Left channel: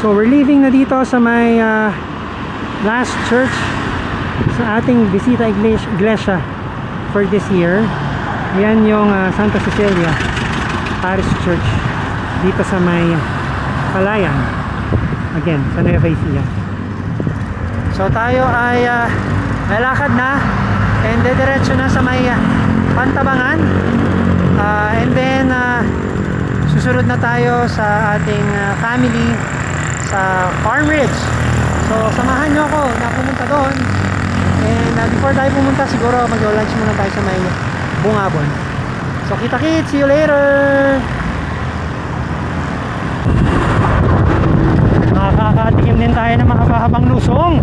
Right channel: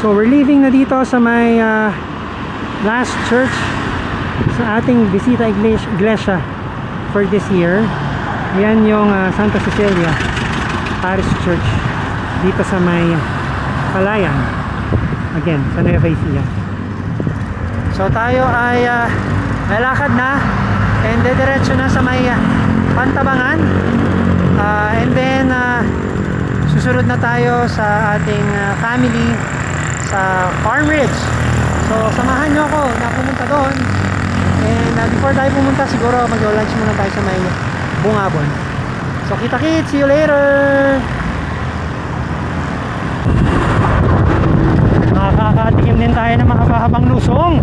So we're leaving na dito sa may last church sa ating Bisita Iglesia for this year. Ayan yung Santa Cecilia Parish Church dito sa may Palayan, again sa Nueva Ecija. So tayo ay lalakad na and diretso na sa may Pantabangan, and then susunod na tayo sa ating family sa Farm Ridge. So samahan nyo ako na pumunta doon, and before tayo pumunta siguro mag-lunch muna tayo sa may Bungabon. So kita-kits, see you later. Makakatikim din tayo ng mahaba-habang lusong.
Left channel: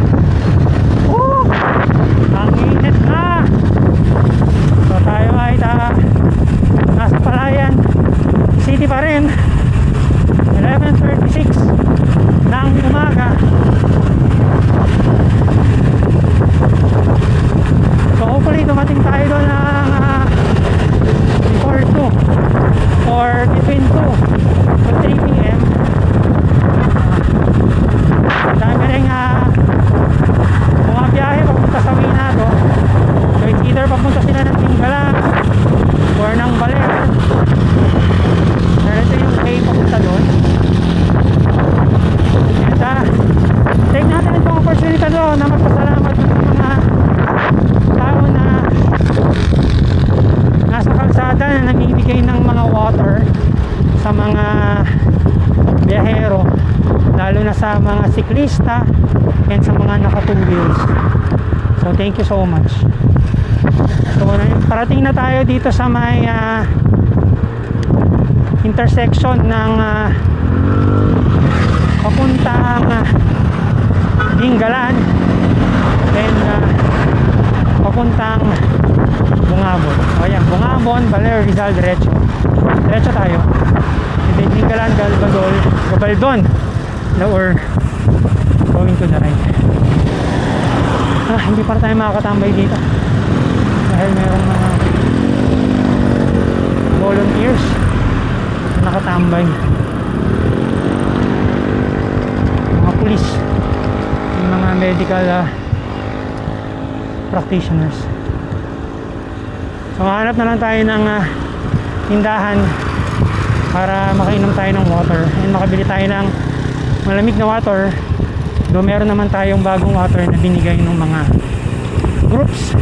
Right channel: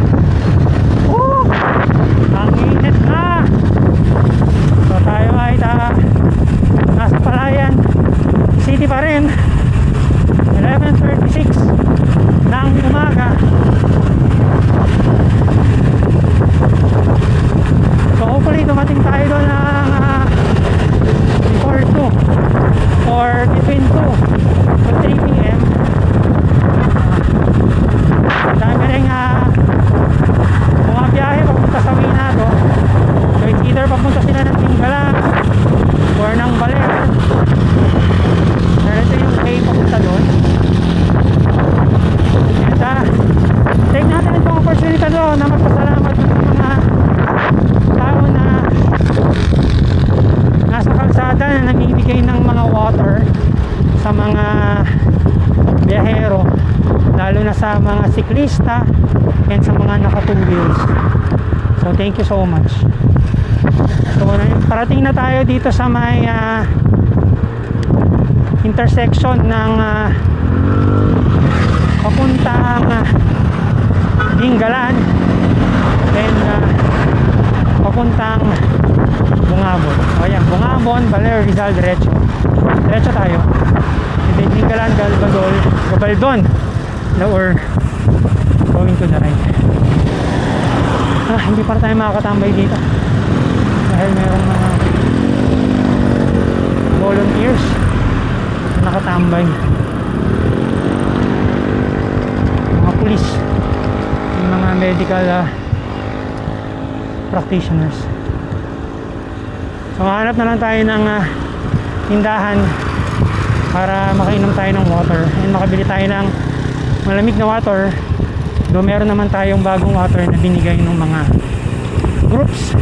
Ang init na. So tayo ay nasa Palayan City pa rin, 11:36 ng umaga. So hopefully dumating tayo doon ng before 2 or between 2 to 3 p.m. Dami rin mga biyahe papunta sa Winado. So it's either papunta sila ng Tinggalan or ng Baler. Pero ito yung way papunta doon. And take natin itong opportunity doon na magpasalamat ng mga tao na nasa kalsada na namimigay ng mga water sa mga biyahero, lalo na sa mga siklista and sa mga naka 2 wheels. So thank you so much. So parating na tayo dito sa may intersection ng papuntang Dingalan then papuntang Bungabon. O yan, Bungabon, Baler, Rizal, diretso tayo. And then Dingalan, Gabaldon, or going to the right. Hindi pa tayo makakatambay dito dahil mayroong mga volunteers na nakatambay, mga pulis, yung mga medical practitioners. So hanap na lang tayo ng tindahan para makainom tayo ng water and makabili tayo ng malamig na water. Do meron naman tayong bagong water na binigay ng mga groups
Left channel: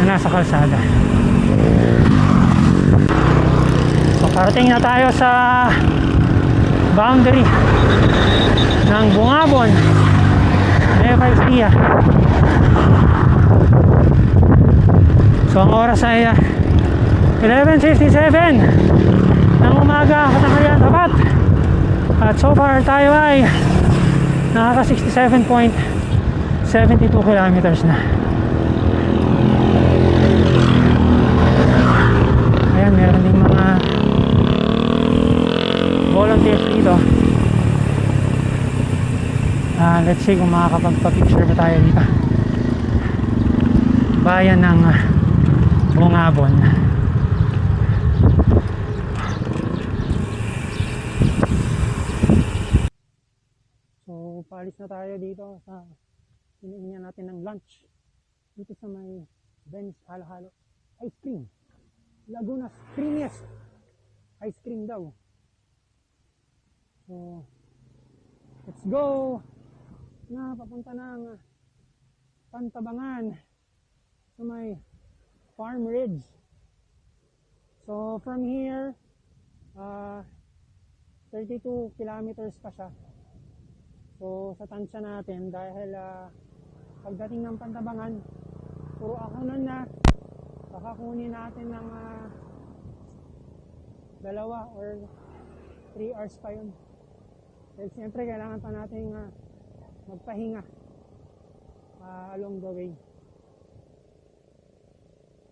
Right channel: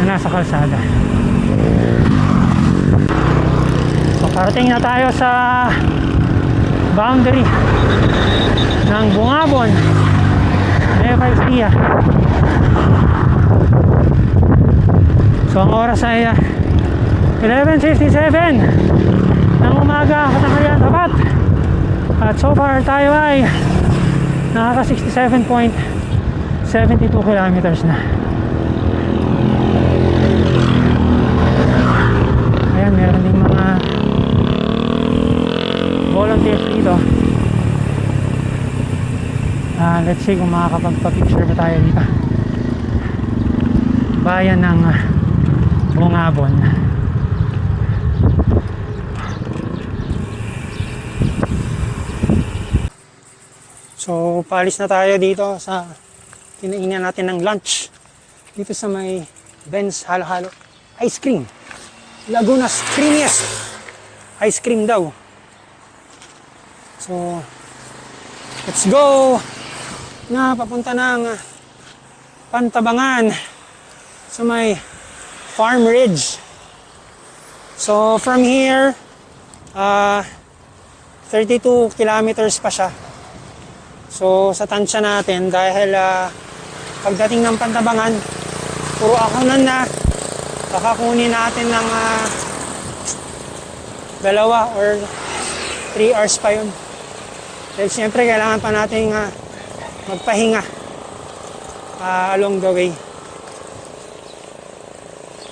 na nasa kalsada. So parating na tayo sa boundary ng Bungabon, Nueva Ecija. So ang oras ay 11:57 ng umaga, katanghalian tapat. At so far tayo ay nakaka 67.72 kilometers na. Ayan, meron ding mga volunteers dito. Let's see kung makakapagpa-picture ba tayo dito. Bayan ng Bungabon. So paalis na tayo dito sa kinainan natin ng lunch dito sa may Ben's Halo-Halo Ice Cream, Laguna's creamiest ice cream daw. So let's go na papunta ng Pantabangan sa may Farm Ridge. So from here 32 kilometers pa siya. So sa tansya natin, dahil pagdating ng Pantabangan puro akunan na, kakakunin natin ng 2 or 3 hours pa yun. Dahil siyempre kailangan pa natin magpahinga along the way.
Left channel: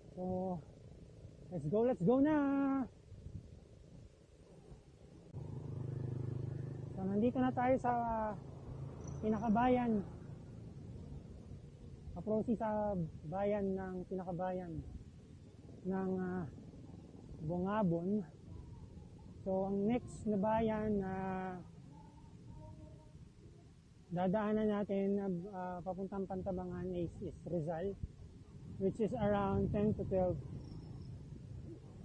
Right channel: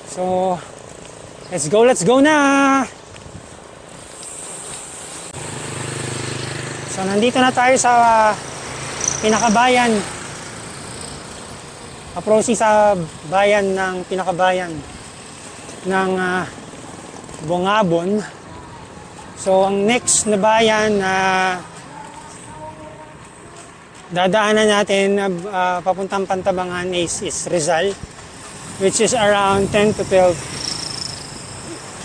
So let's go na. So nandito na tayo sa pinakabayan, approaching sa bayan ng pinakabayan ng Bungabon. So ang next na bayan na dadaanan natin na papuntang Pantabangan is Rizal, which is around 10 to 12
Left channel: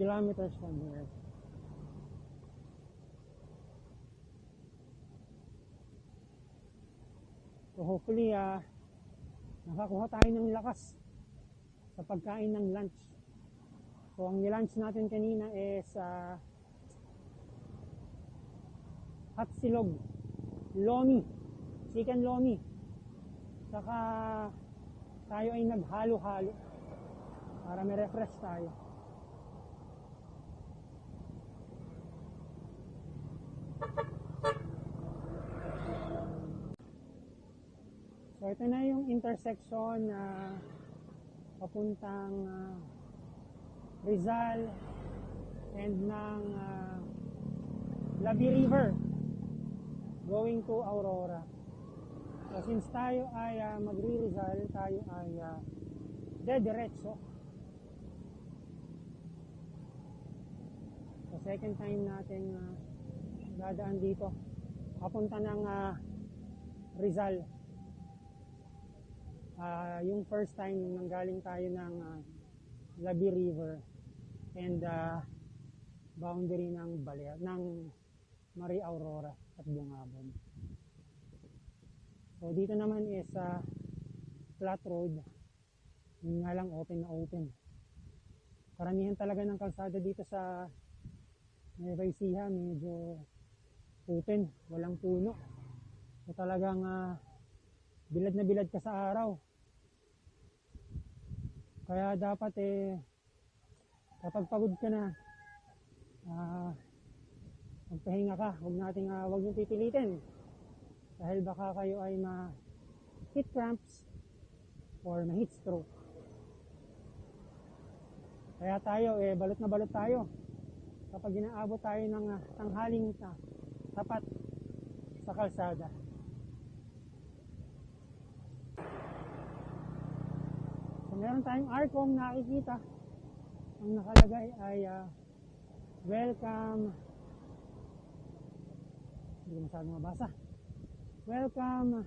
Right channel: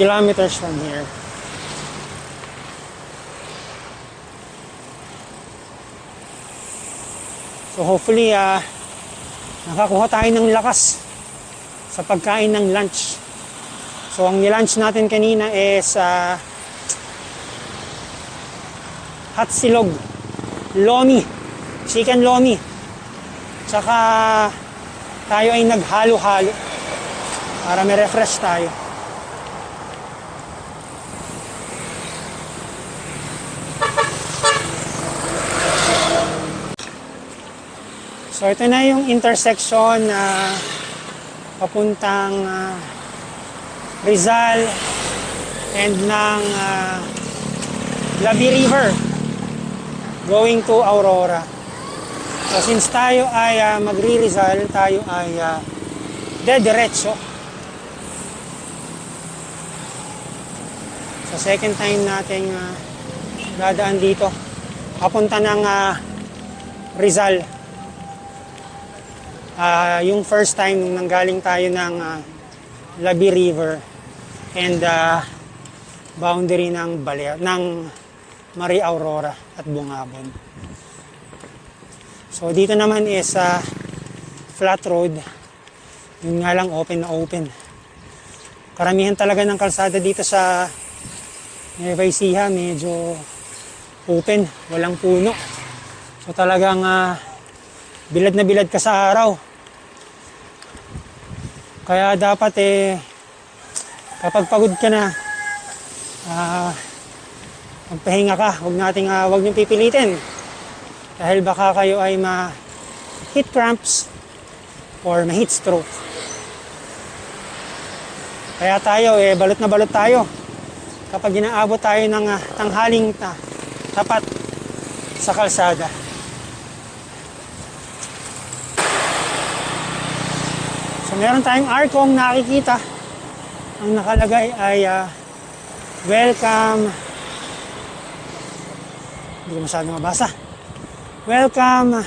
kilometers from here. So hopefully nakakuha tayo ng lakas sa pagkain ng lunch. So ang nilunch natin kanina is hot silog, lomi, chicken lomi. Tsaka tayo ay naghalo-halo para may refresh tayo. So ito na yung intersection na papuntang Rizal and ng Labi River going to Aurora. So since tayo ay magri-Rizal, tayo ay dediretso. So second time nating dadaan dito papunta ng Rizal. Yung first time nung nanggaling tayo ng Labi River and boundary ng Maria Aurora at Bungabon. So dito naman is flat road. Yun nga lang open na open. Karamihan talaga ng kalsada dito sa Nueva Ecija medyo open, walang puno. So talagang bilad na bilad ka sa araw. Kaya dapat kapag pagod ka na, magpahinga ka. Huwag niyong pipilitin. Dahil baka kayo ay ma-heat cramps or ma-heat stroke. Kaya tayo, balot na balot tayo. Kapag inaabot tayo ng tanghaling tapat sa kalsada. So meron tayong arkong nakikita. Ang nakalagay ay welcome. Hindi ko masyadong mabasa. Welcome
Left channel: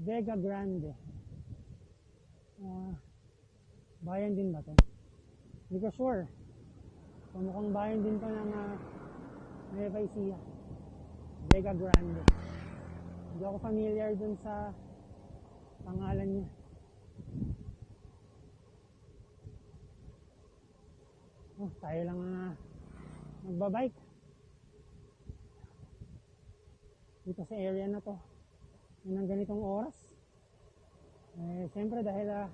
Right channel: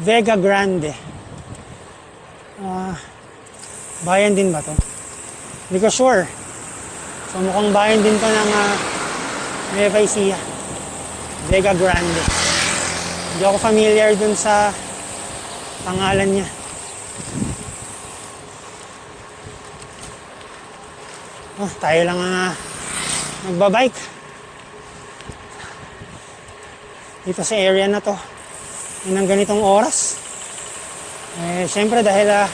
Vega Grande. Bayan din ba to? Hindi ko sure. So mukhang bayan din to ng Nueva Ecija. Vega Grande. Hindi ako familiar dun sa pangalan niya. Tayo lang nagbabike dito sa area na to ng ganitong oras. Siyempre dahil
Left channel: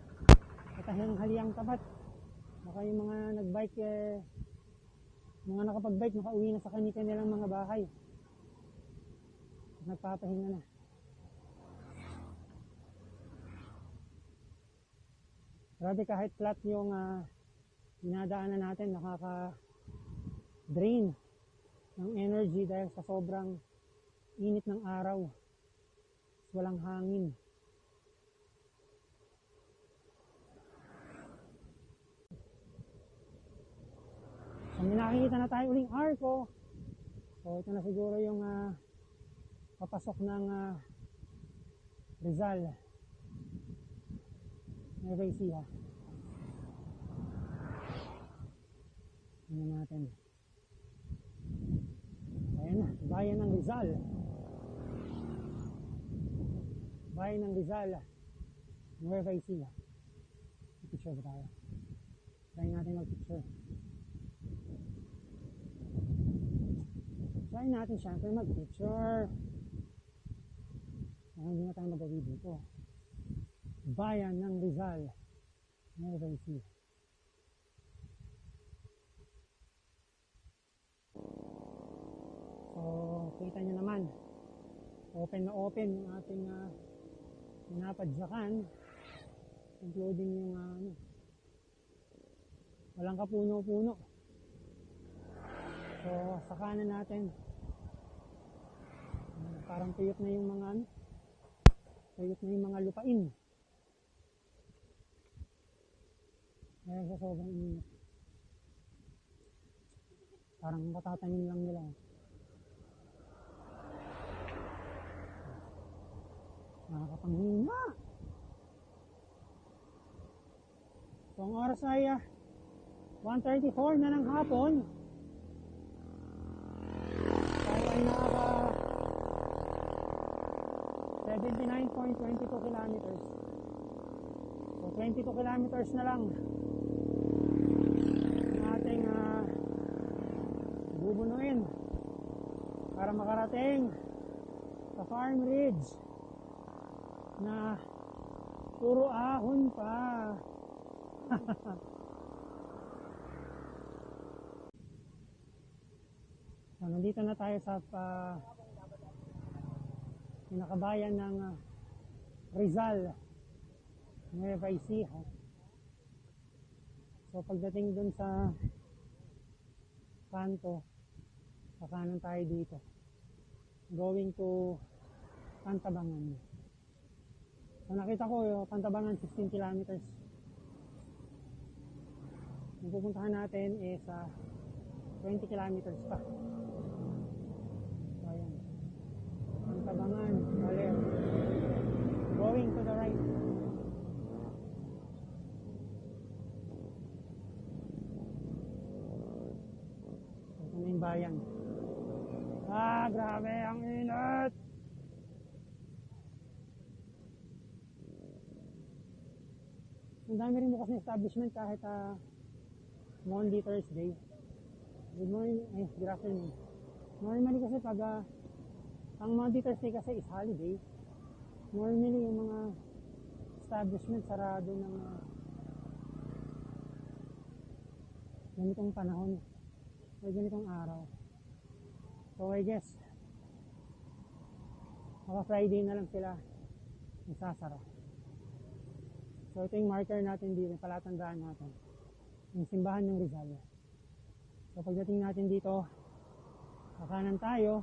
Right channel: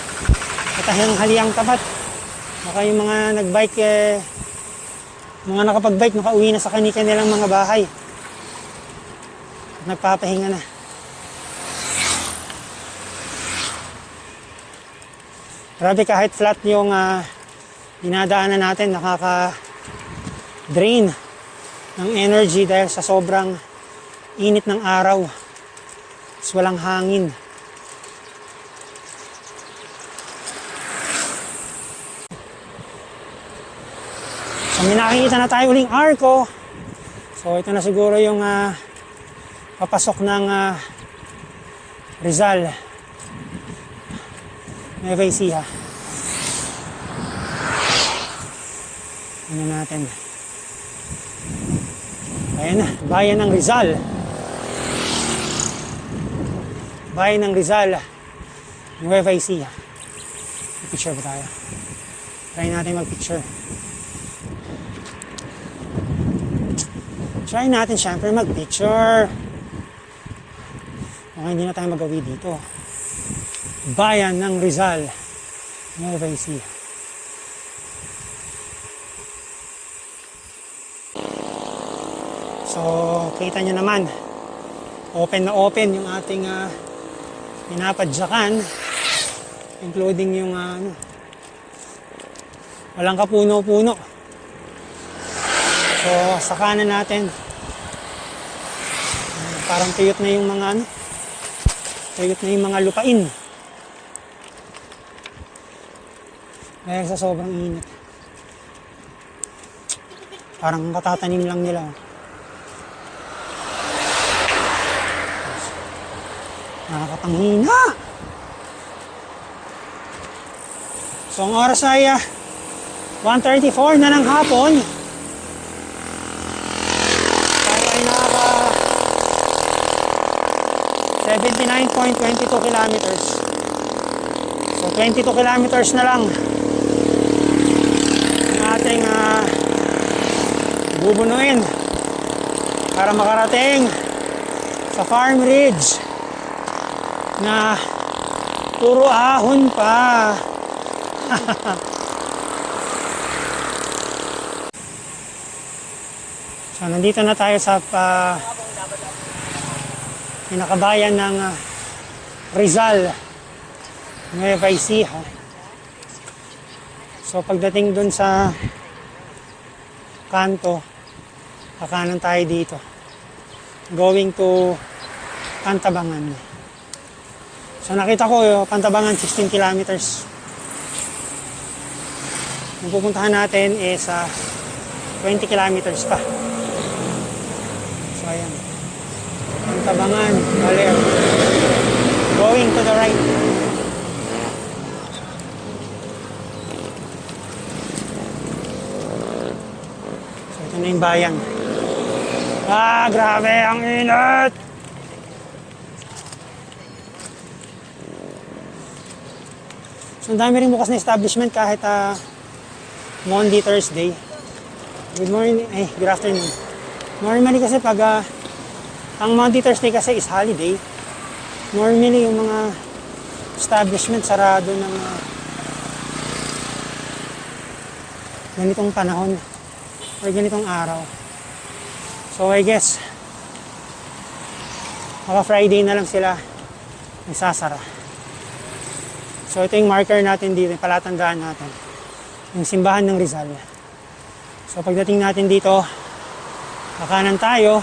katahang haliang tapat, baka yung mga nagbike mga nakapagbike nakauwi na sa kanilang mga bahay at nagpapahinga na. Grabe, kahit flat yung dinadaanan natin, nakaka-drain ng energy dahil sa sobrang init ng araw. Tapos walang hangin. So may nakikita na tayo uling arko. So ito na siguro yung papasok ng Rizal, Nueva Ecija. Ano natin? Ayan na, bayan ng Rizal. Bayan ng Rizal, Nueva Ecija. Picture ba tayo? Try natin mag-picture. Try natin syempre mag-picture. Okay, hindi na tayo magawi dito. Bayan ng Rizal, Nueva Ecija. So, kita nyo naman, open na open yung ating pinapadyakan, including yung walang kapuno-puno. So, sa kanan natin, parang tuyot na yung mga tuyot na yung mga lupain. Dahil sa sobrang init. Parang katatanim lang nila. Ang hina! So, ang oras ay 1:34 na ng hapon. Tayo ay nakaka 79.22 kilometers. So, 22 kilometers na lang ang ating bubunuin para makarating sa Farm Ridge na puro ahon pa. So, nandito na tayo sa pinakabayan ng Rizal, Nueva Ecija. So, pagdating dun sa kanto, kakanan tayo dito. Going to Pantabangan. So, nakita ko, Pantabangan, 16 kilometers. Ang pupuntahan natin is 20 kilometers pa. So, ayan. Pantabangan, Baler. Going to the right. So, ito na yung bayan. Grabe ang init! So, ang dami rin bukas na establishment kahit Monday, Thursday. Good morning, good afternoon. Normally kasi pag ang Monday, Thursday kasi is holiday. Normally yung mga establishment sarado ng ganitong panahon or ganitong araw. So I guess baka Friday na lang sila nagsasara. So ito yung marker natin dito, palatandaan natin. Yung simbahan ng Rizal. So pagdating natin dito, kakanan tayo.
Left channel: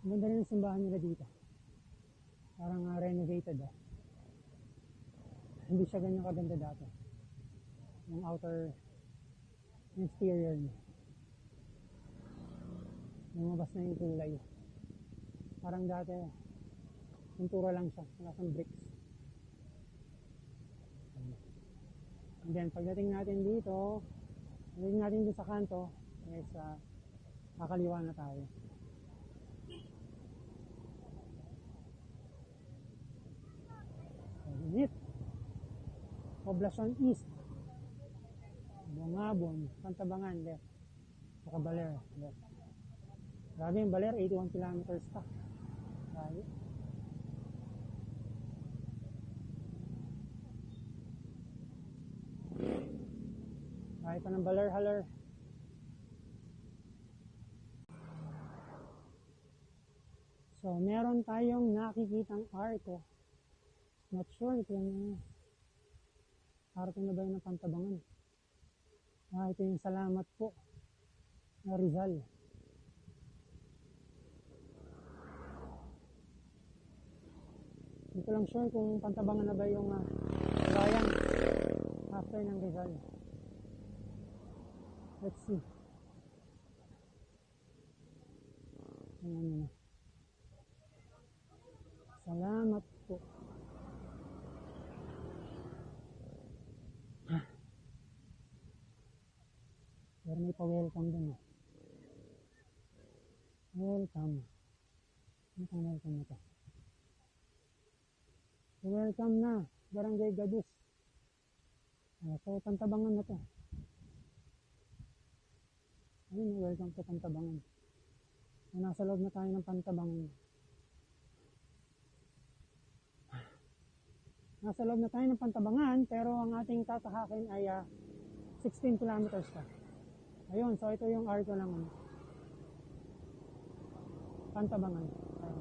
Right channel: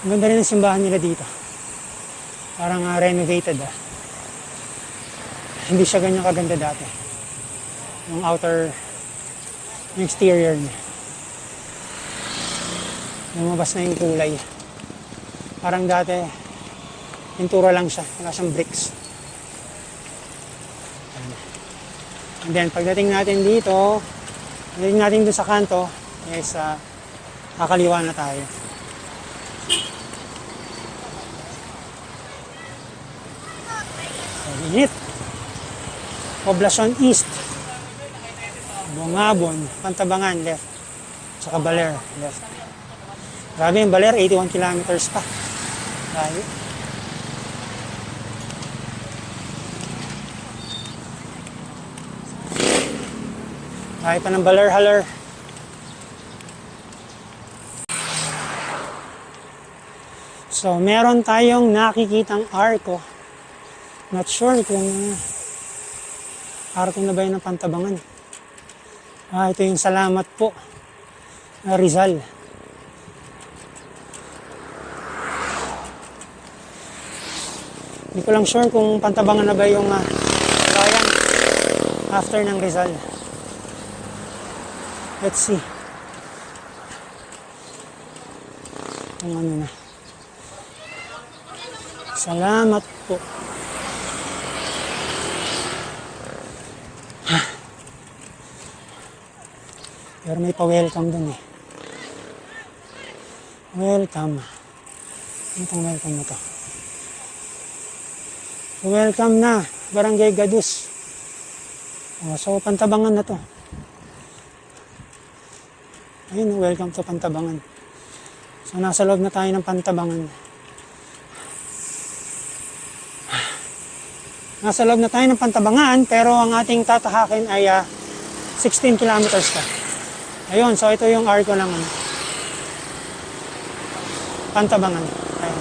Ang ganda rin ang simbahan nila dito. Parang renovated. Hindi siya ganyan kaganda dati. Yung outer, yung exterior niya. Lumabas na yung kulay. Parang dati, pintura lang siya. Wala siyang bricks. And then, pagdating natin dito, pagdating natin doon sa kanto, is kakaliwa na tayo. So, init. Poblacion East. Bungabon, Pantabangan, left. Tsaka Baler, left. Grabe yung Baler, 81 kilometers pa. Grabe. Kaya pa ng Baler-haler. So, meron tayong nakikitang arko. Not sure kung arko na ba yun ng Pantabangan. Ito yung salamat po na Rizal. Hindi ko lang sure kung Pantabangan na ba yung bayan after ng Rizal. Let's see. Kung ano na. Salamat po. Pero may pa-welcome dun eh. Welcome. Ano itong welcome na to? Welcome na. Barangay Gadus. So, Pantabangan na to. Ayun, welcome to Pantabangan. So, nasa loob na tayo ng Pantabangan. Nasa loob na tayo ng Pantabangan, pero ang ating tatahakin ay 16 kilometers pa. Ayun, so ito yung arko ng Pantabangan. Ayun.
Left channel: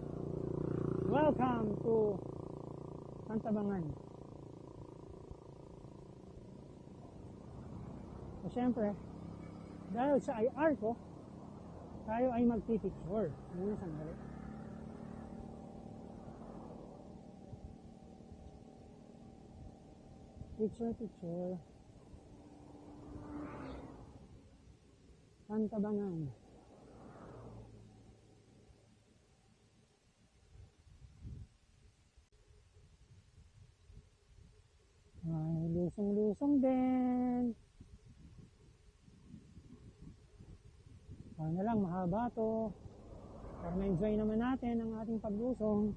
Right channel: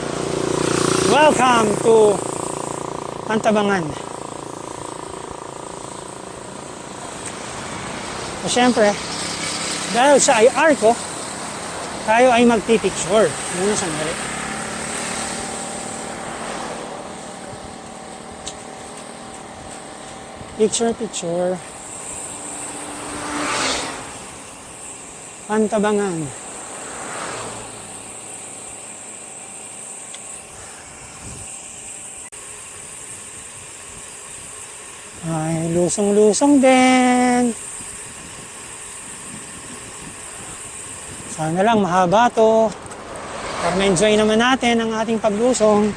Welcome to Pantabangan. So, syempre, dahil sa ay arko, tayo ay magpipicture. Muna sandali. Picture. Pantabangan. Ay, lusong-lusong din. Sana lang mahaba to. Para ma-enjoy naman natin ang ating paglusong.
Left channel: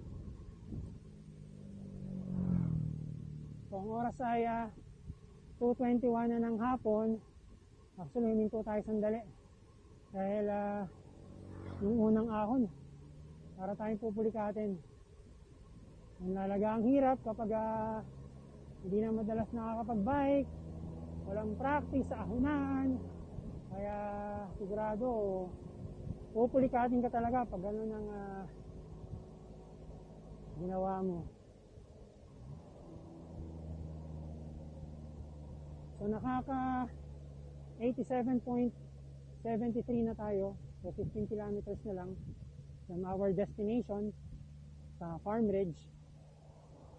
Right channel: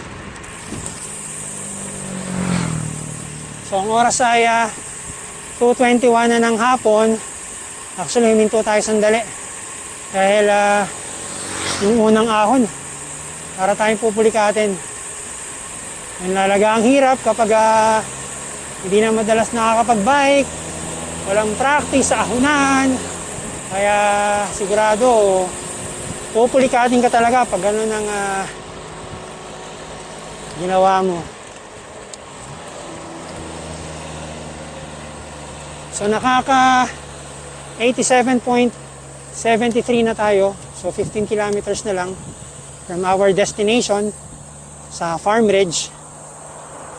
So, ang oras ay 2:21 na ng hapon. Actually, huminto tayo sandali. Dahil yung unang ahon, para tayong pupulikatin. Yung lalaga ang hirap kapag hindi na madalas nakakapag-bike, walang practice sa ahunan. Kaya sigurado, pupulikatin ka talaga pag gano'n ang ginawa mo. So nakaka 87.73 na tayo. So 15 kilometers na lang from our destination sa Farm Ridge.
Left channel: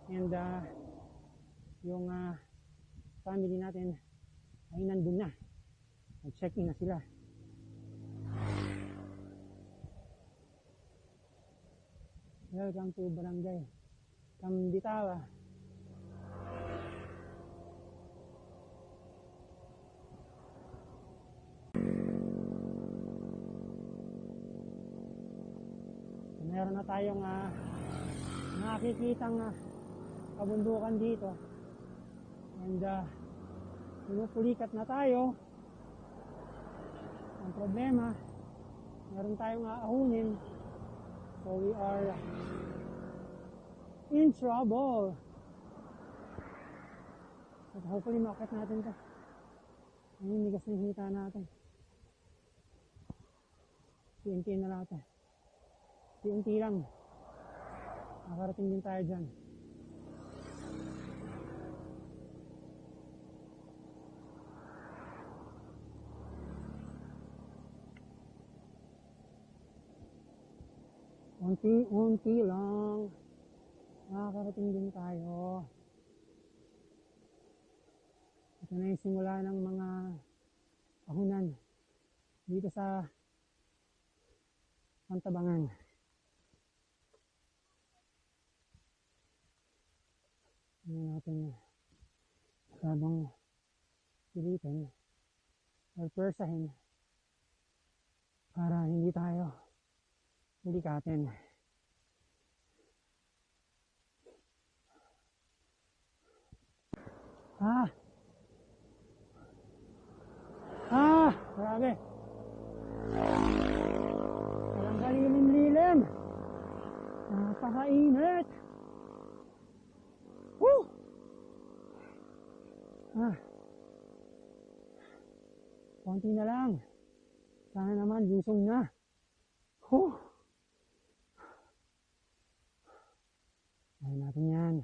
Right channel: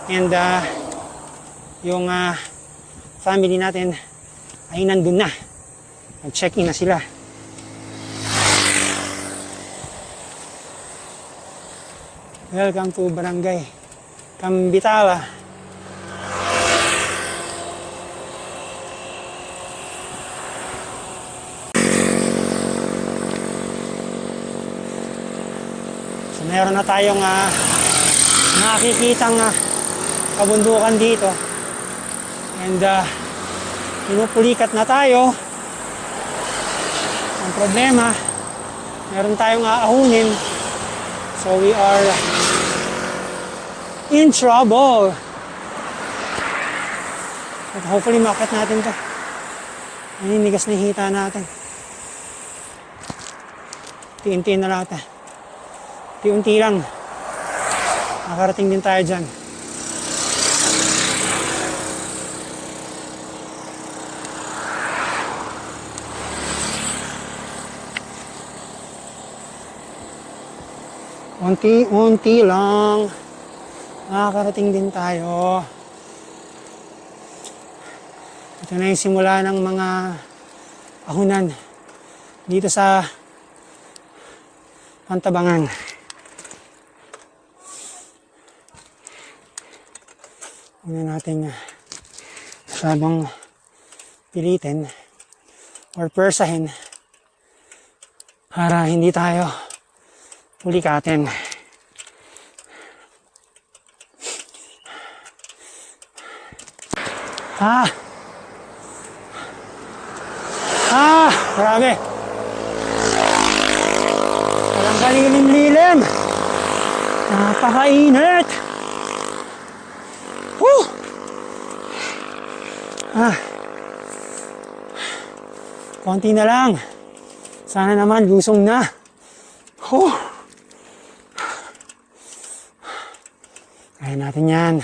And yung family natin ay nandun na. Nag-check-in na sila. Welcome to Barangay Kambitala. So meron na tayong nakikitang kabundukan dito. And pinupulikat na tayo. Ang problema, meron tayong aahunin. So we are in trouble. But hopefully makit natin to. Ay, nigas na hita natin. Tiin-tiin na lahat. Tiunti lang. Nakarating din tayo dyan. Unti-unti lang. Nakakarating din tayo. Ito na yung simula ng mga ahunan dito sa Pantabangan. Huwag na natin masyadong pilitin or persahin para hindi tayo pulikatin. Grabe. Walang kalilim-lilim. Napakainit. Konti na lang. Sana naman lusong na. Kaya natin yan.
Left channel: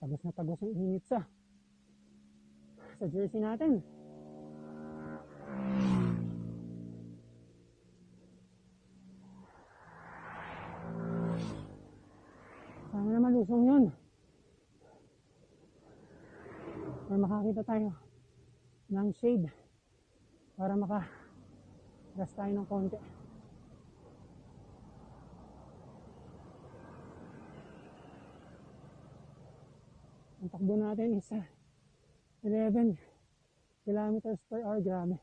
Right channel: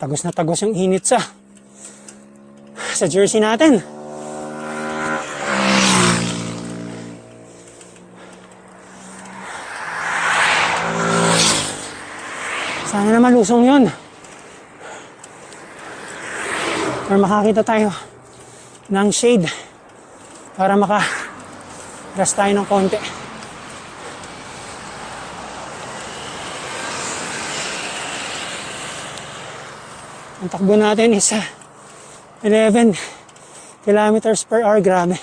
Tagos na tagos yung init sa jersey natin. Sana naman lusong yun. Or makakita tayo ng shade para maka-rest tayo ng konti. Ang takbo natin is 11 kilometers per hour. Grabe.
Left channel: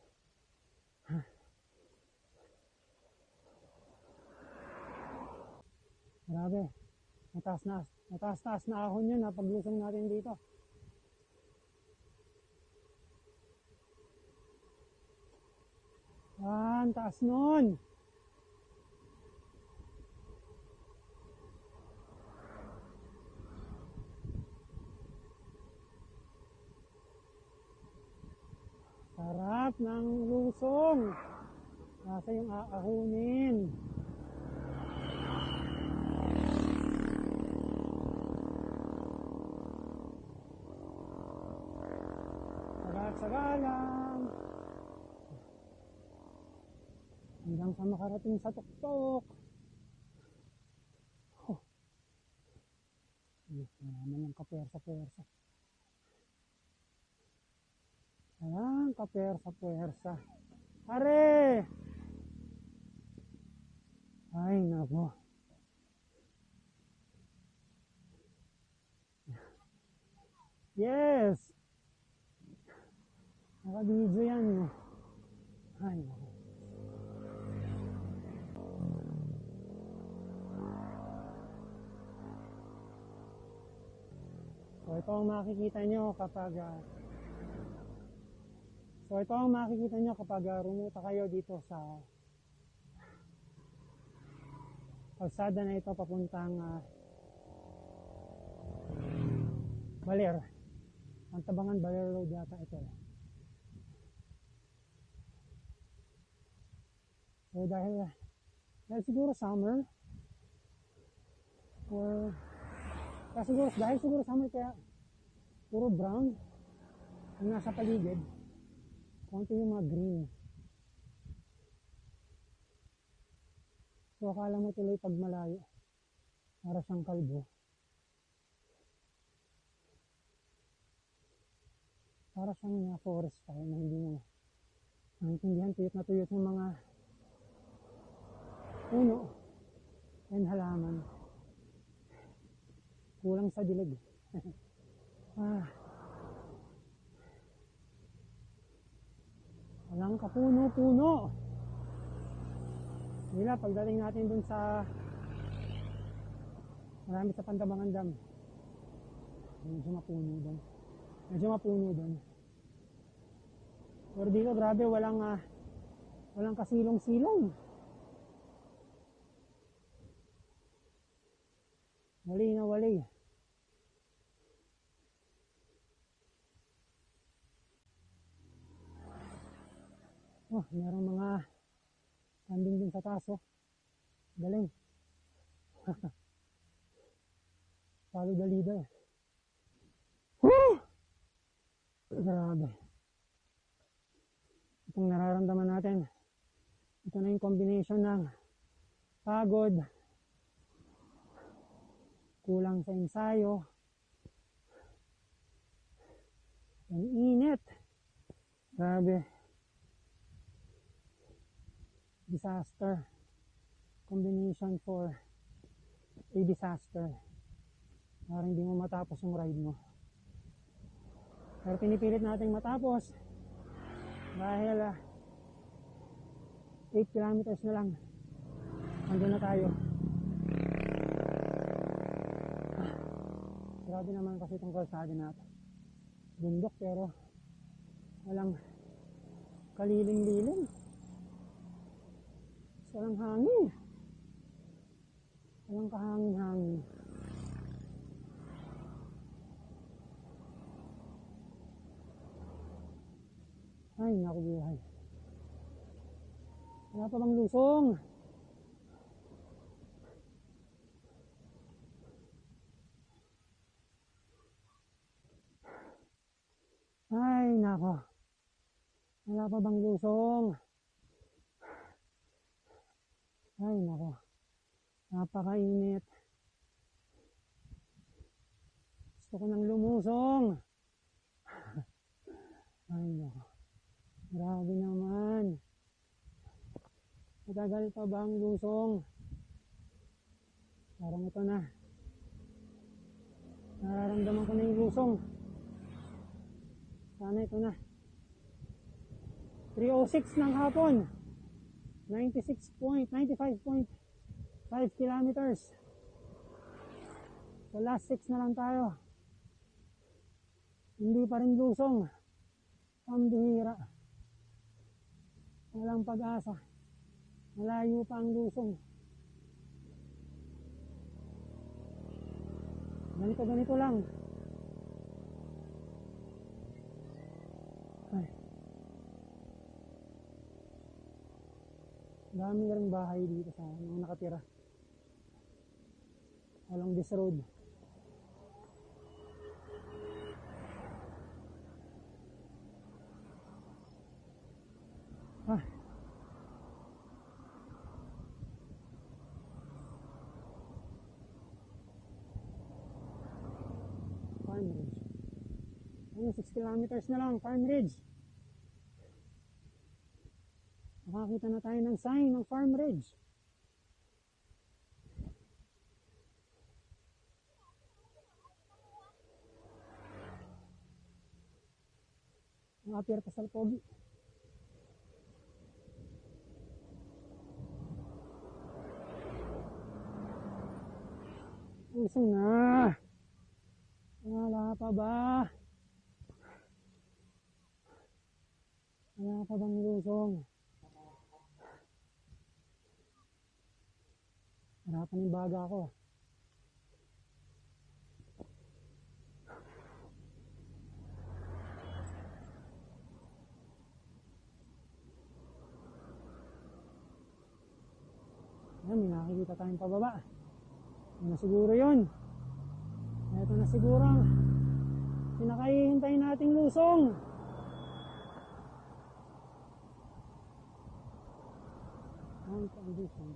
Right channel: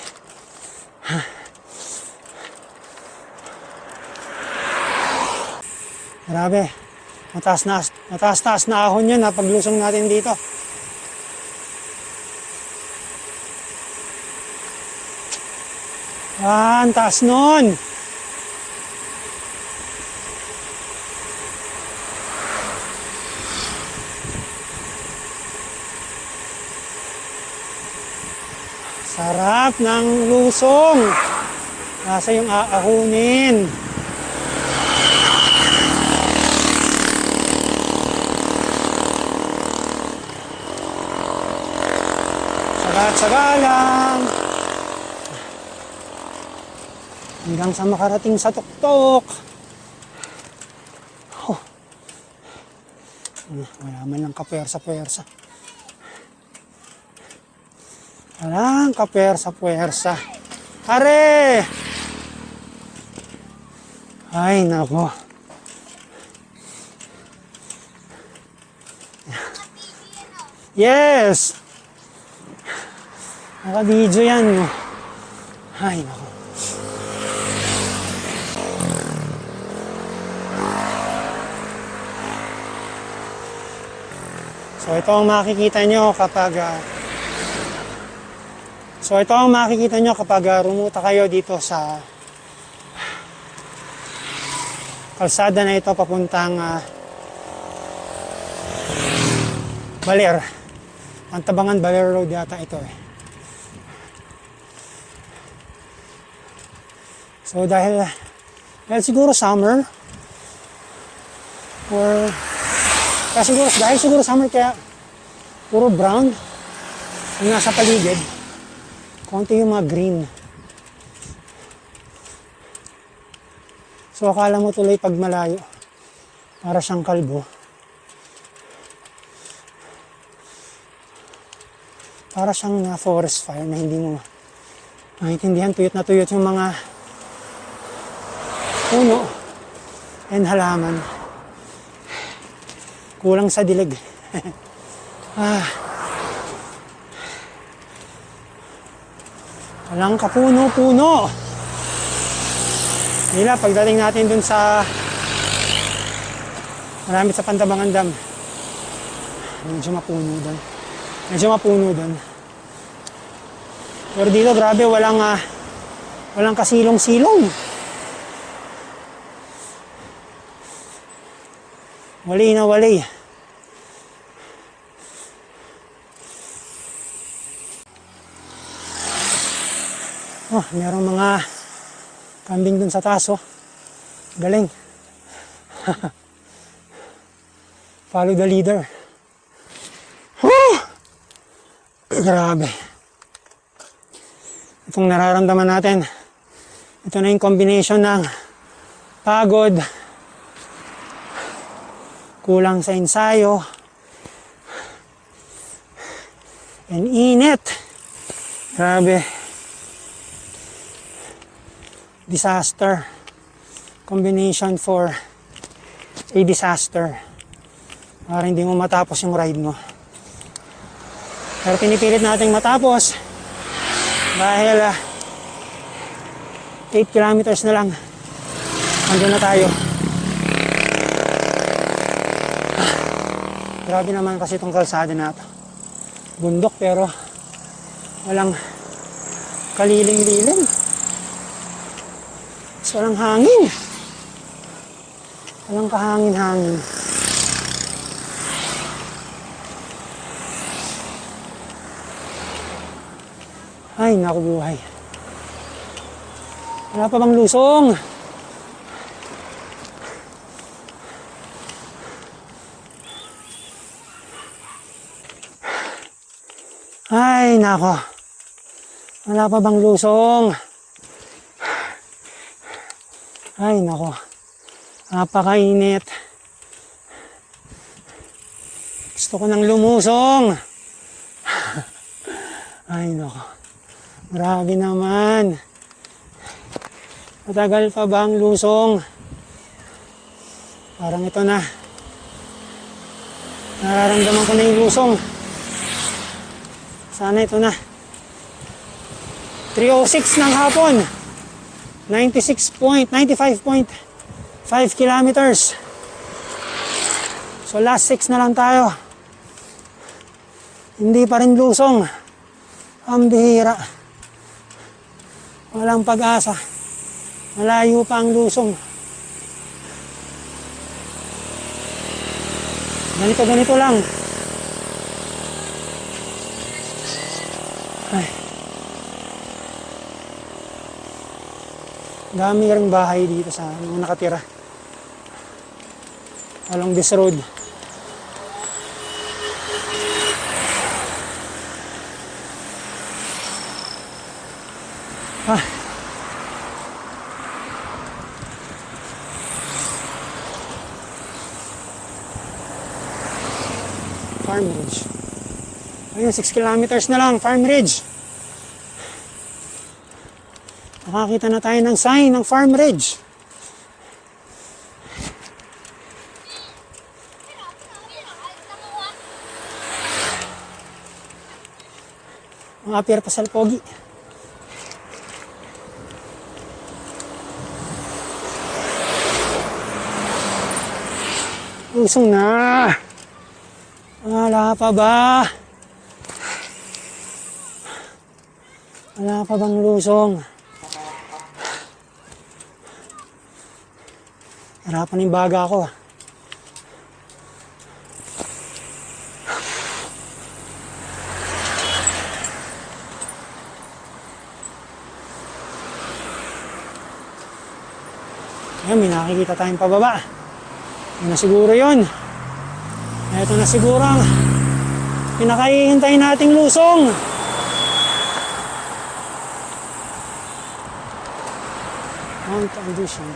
Grabe. Mataas-taas na ahon yun paglusong natin dito. Ang taas nun. Sarap ng lusong. Nasa yung aahunin. Sagat-saga lang. Hanggang sa makarating sa tuktok. Wala man lang kapersa-persa. Walang kapersa-persa. Are! Ay, nako. Yes! Naka-video yan. No? Ay, naku. So ito ang makikita nyo kapag rumuta kayo dito sa kalsada na ito papuntang Baler. Pantabangan Baler Road yata ito eh. So dahil siguro summer or dahil siguro summer kaya puro brown yung nasa paligid. Konti yung mga green. So akala mo tuloy pag malayo para siyang kalbo. Para siyang na forest fire na hindi mo maintindihan. Tuyot na tuyot yung mga puno and halaman. Kulang sa dilig. Walang kapuno-puno. Nila, pagdating natin dun sa marami sa Pantabangan Dam. Medyo mapuno dun. Pero dito, grabe, walang kasilong-silong. Wali na wali. Oh, merong mga kambing dun sa taas, oh. Galing. Follow the leader. Woo! Grabe. Itong nararamdaman natin, ito na yung combination ng pagod, kulang sa ensayo, and init. Grabe. Disaster. Combination for a disaster. Para hindi mo matapos yung ride mo. Pero pinipilit nating matapos dahil 8 kilometers na lang. Andun na tayo. Grabe naman kasi itong kalsada na ito. Bundok pero walang kaliling-liling. So, walang hangin. Walang kahangin-hangin. Ay, naku buhay. Wala pa bang lusong? Ay, nako. Wala pa bang lusong? Ay, nako. Napakainit. Gusto ko nang lumusong. Ay, nako. Grabe naman. Matagal pa ba ang lusong? Parang ito na. Nararamdaman ko na yung lusong. Sana ito na. 3:06 ng hapon. 95.5 kilometers. So last 6 na lang tayo. Hindi pa rin lusong. Ang bihira. Walang pag-asa. Malayo pa ang lusong. Ganito lang. Ay. Dami ring bahay dito sa mga nakatira along this road. Farm Ridge. Ayun, 6 kilometers na lang, Farm Ridge. Nakakita na tayo ng sign ng Farm Ridge. Ang apir pa sa pogi. Lusong na. Wala pa ba? Wala pa bang lusong? Hirapan yung baga ko. Ayan, may nakikita tayong pababa. Yun na siguro yun. Ito na siguro ang pinakahihintay nating lusong. Mount Audition.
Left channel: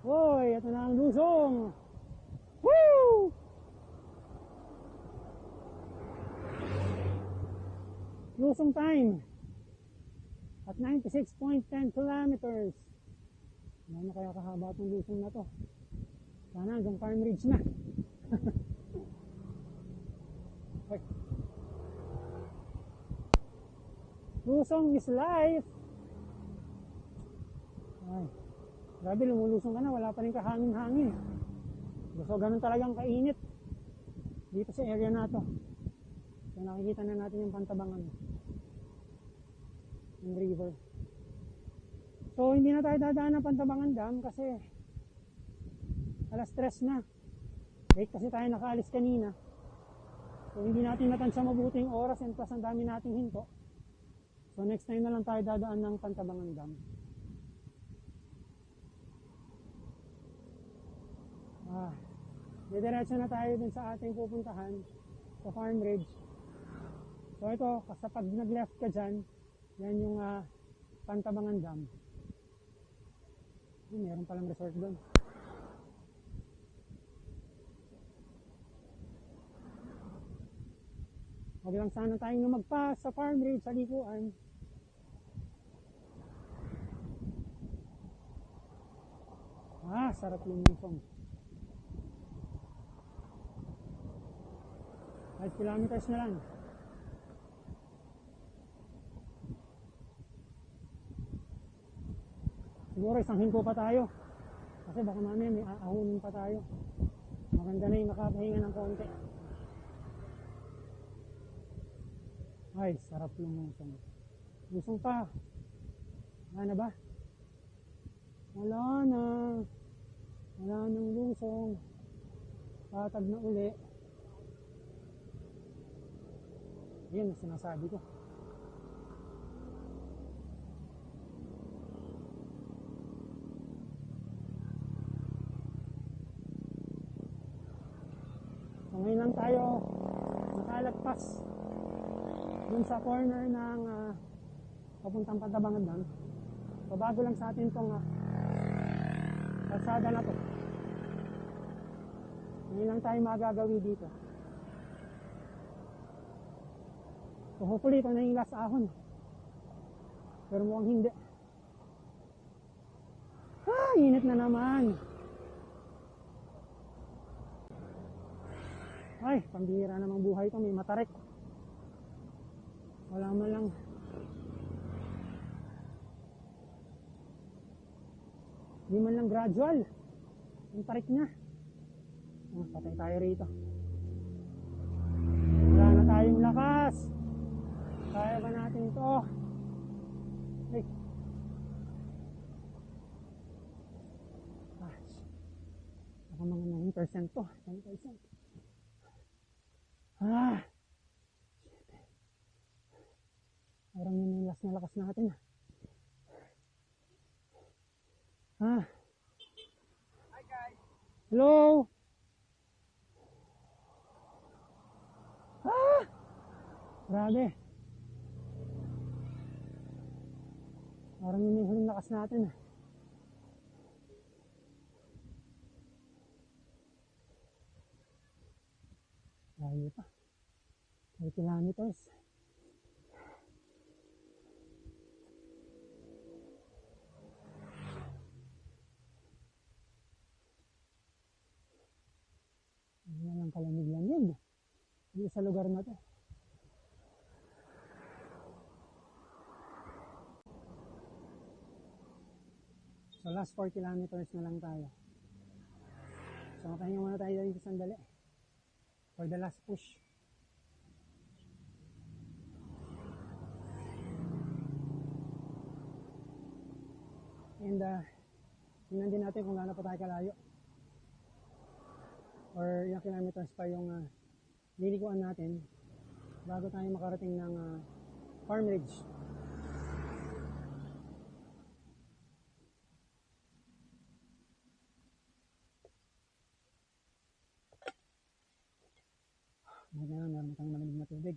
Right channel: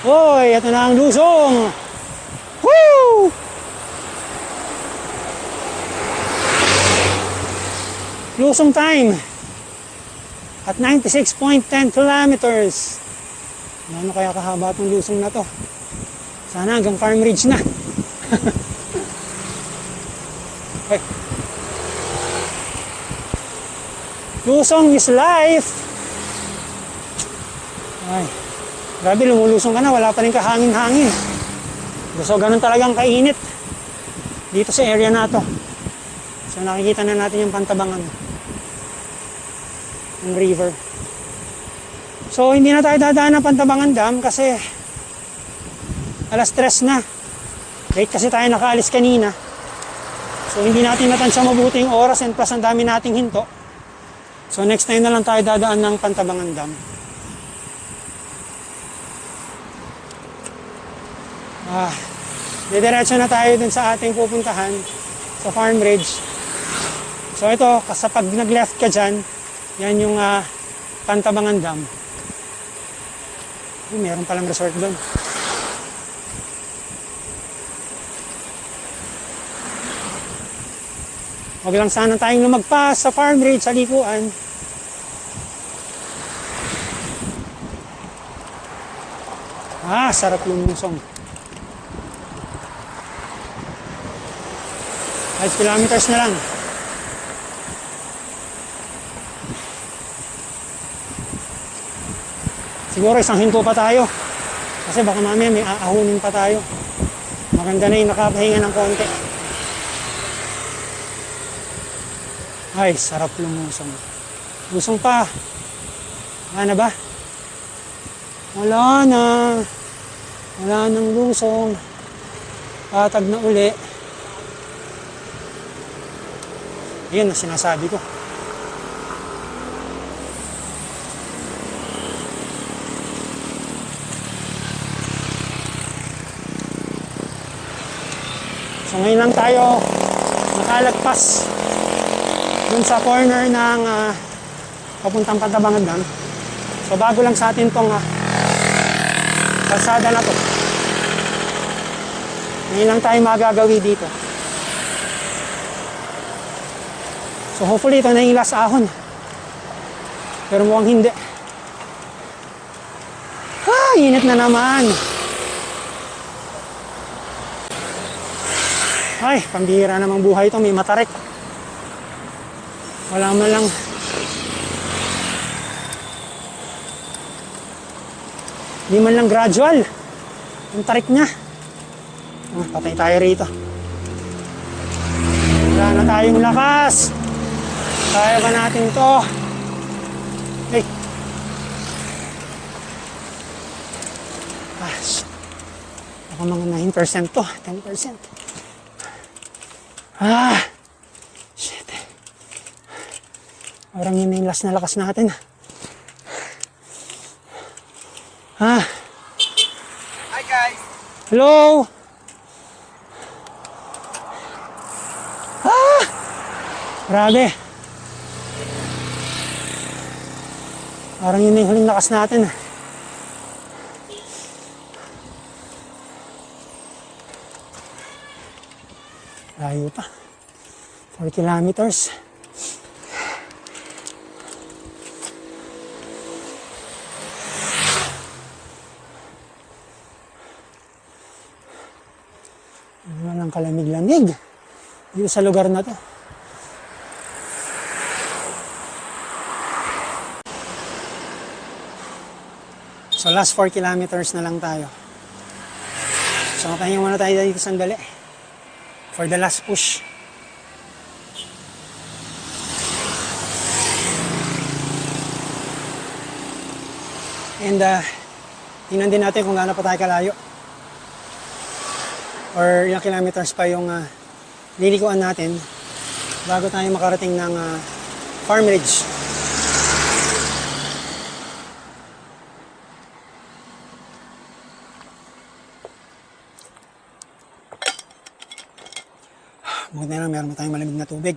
Hoy, ito na ang lusong. Woo! Lusong time. At 96.10 kilometers. Ano kaya kahaba itong lusong na to? Sana hanggang Farm Ridge na. Okay. Lusong is life. Ay, grabe, lumulusong ka na, wala pa rin kahangin-hangin. So, ganun talagang kainit dito sa area na to. So, nakikita na natin yung pantabangan ng river. So, hindi na tayo dadaan ng Pantabangan Dam kasi alas 3 na. Late kasi tayo nakaalis kanina. So, hindi natin natansya mabuti yung oras and plus ang dami nating hinto. So, next time na lang tayo dadaan ng Pantabangan Dam. Didiretso na tayo dun sa ating pupuntahan sa Farm Ridge. So, ito, kasi pag nag-left ka dyan, yan yung Pantabangan Dam. Meron palang resort doon. Huwag lang sana tayong lumagpas sa Farm Ridge sa likuan. Sarap lumusong. 5 kilometers na lang. Siguro isang hinto pa tayo. Kasi baka mamaya may aahunin pa tayo. Maganda na yung nakapahinga ng konti. Ay, sarap lumusong. Lusong pa. Wala na ba? Wala na. Wala nang lusong. Patag na uli. Yun ang sinasabi ko. So ngayon lang tayo nakalagpas dun sa corner ng papuntang Pantabangan Dam. So bago lang sa atin tong kalsada na to. Ngayon lang tayo magagawi dito. So hopefully ito na yung last ahon. Pero mukhang hindi. Init na naman. Ay, pambihira namang buhay ito. May matarik. Wala man lang. Hindi man lang gradual. Ang tarik niya. Patay tayo rito. Wala na tayong lakas. Kaya ba natin to? Hey. Shit. Ako mga 9% to. 10%. Shit. Parang yun yung last na lakas natin. Hi guys. Hello. Grabe. Parang yun yung huling lakas natin. Layo pa. 4 kilometers. Walang kalamig-lamig dito sa lugar na to. So last 4 kilometers na lang tayo. So makahinga muna tayo dito sandali for the last push. And tingnan din natin kung gaano pa tayo kalayo or ilang kilometers pa yung lilikuan natin bago tayo makarating ng Farm Ridge. Buti na lang meron tayong malamig na tubig.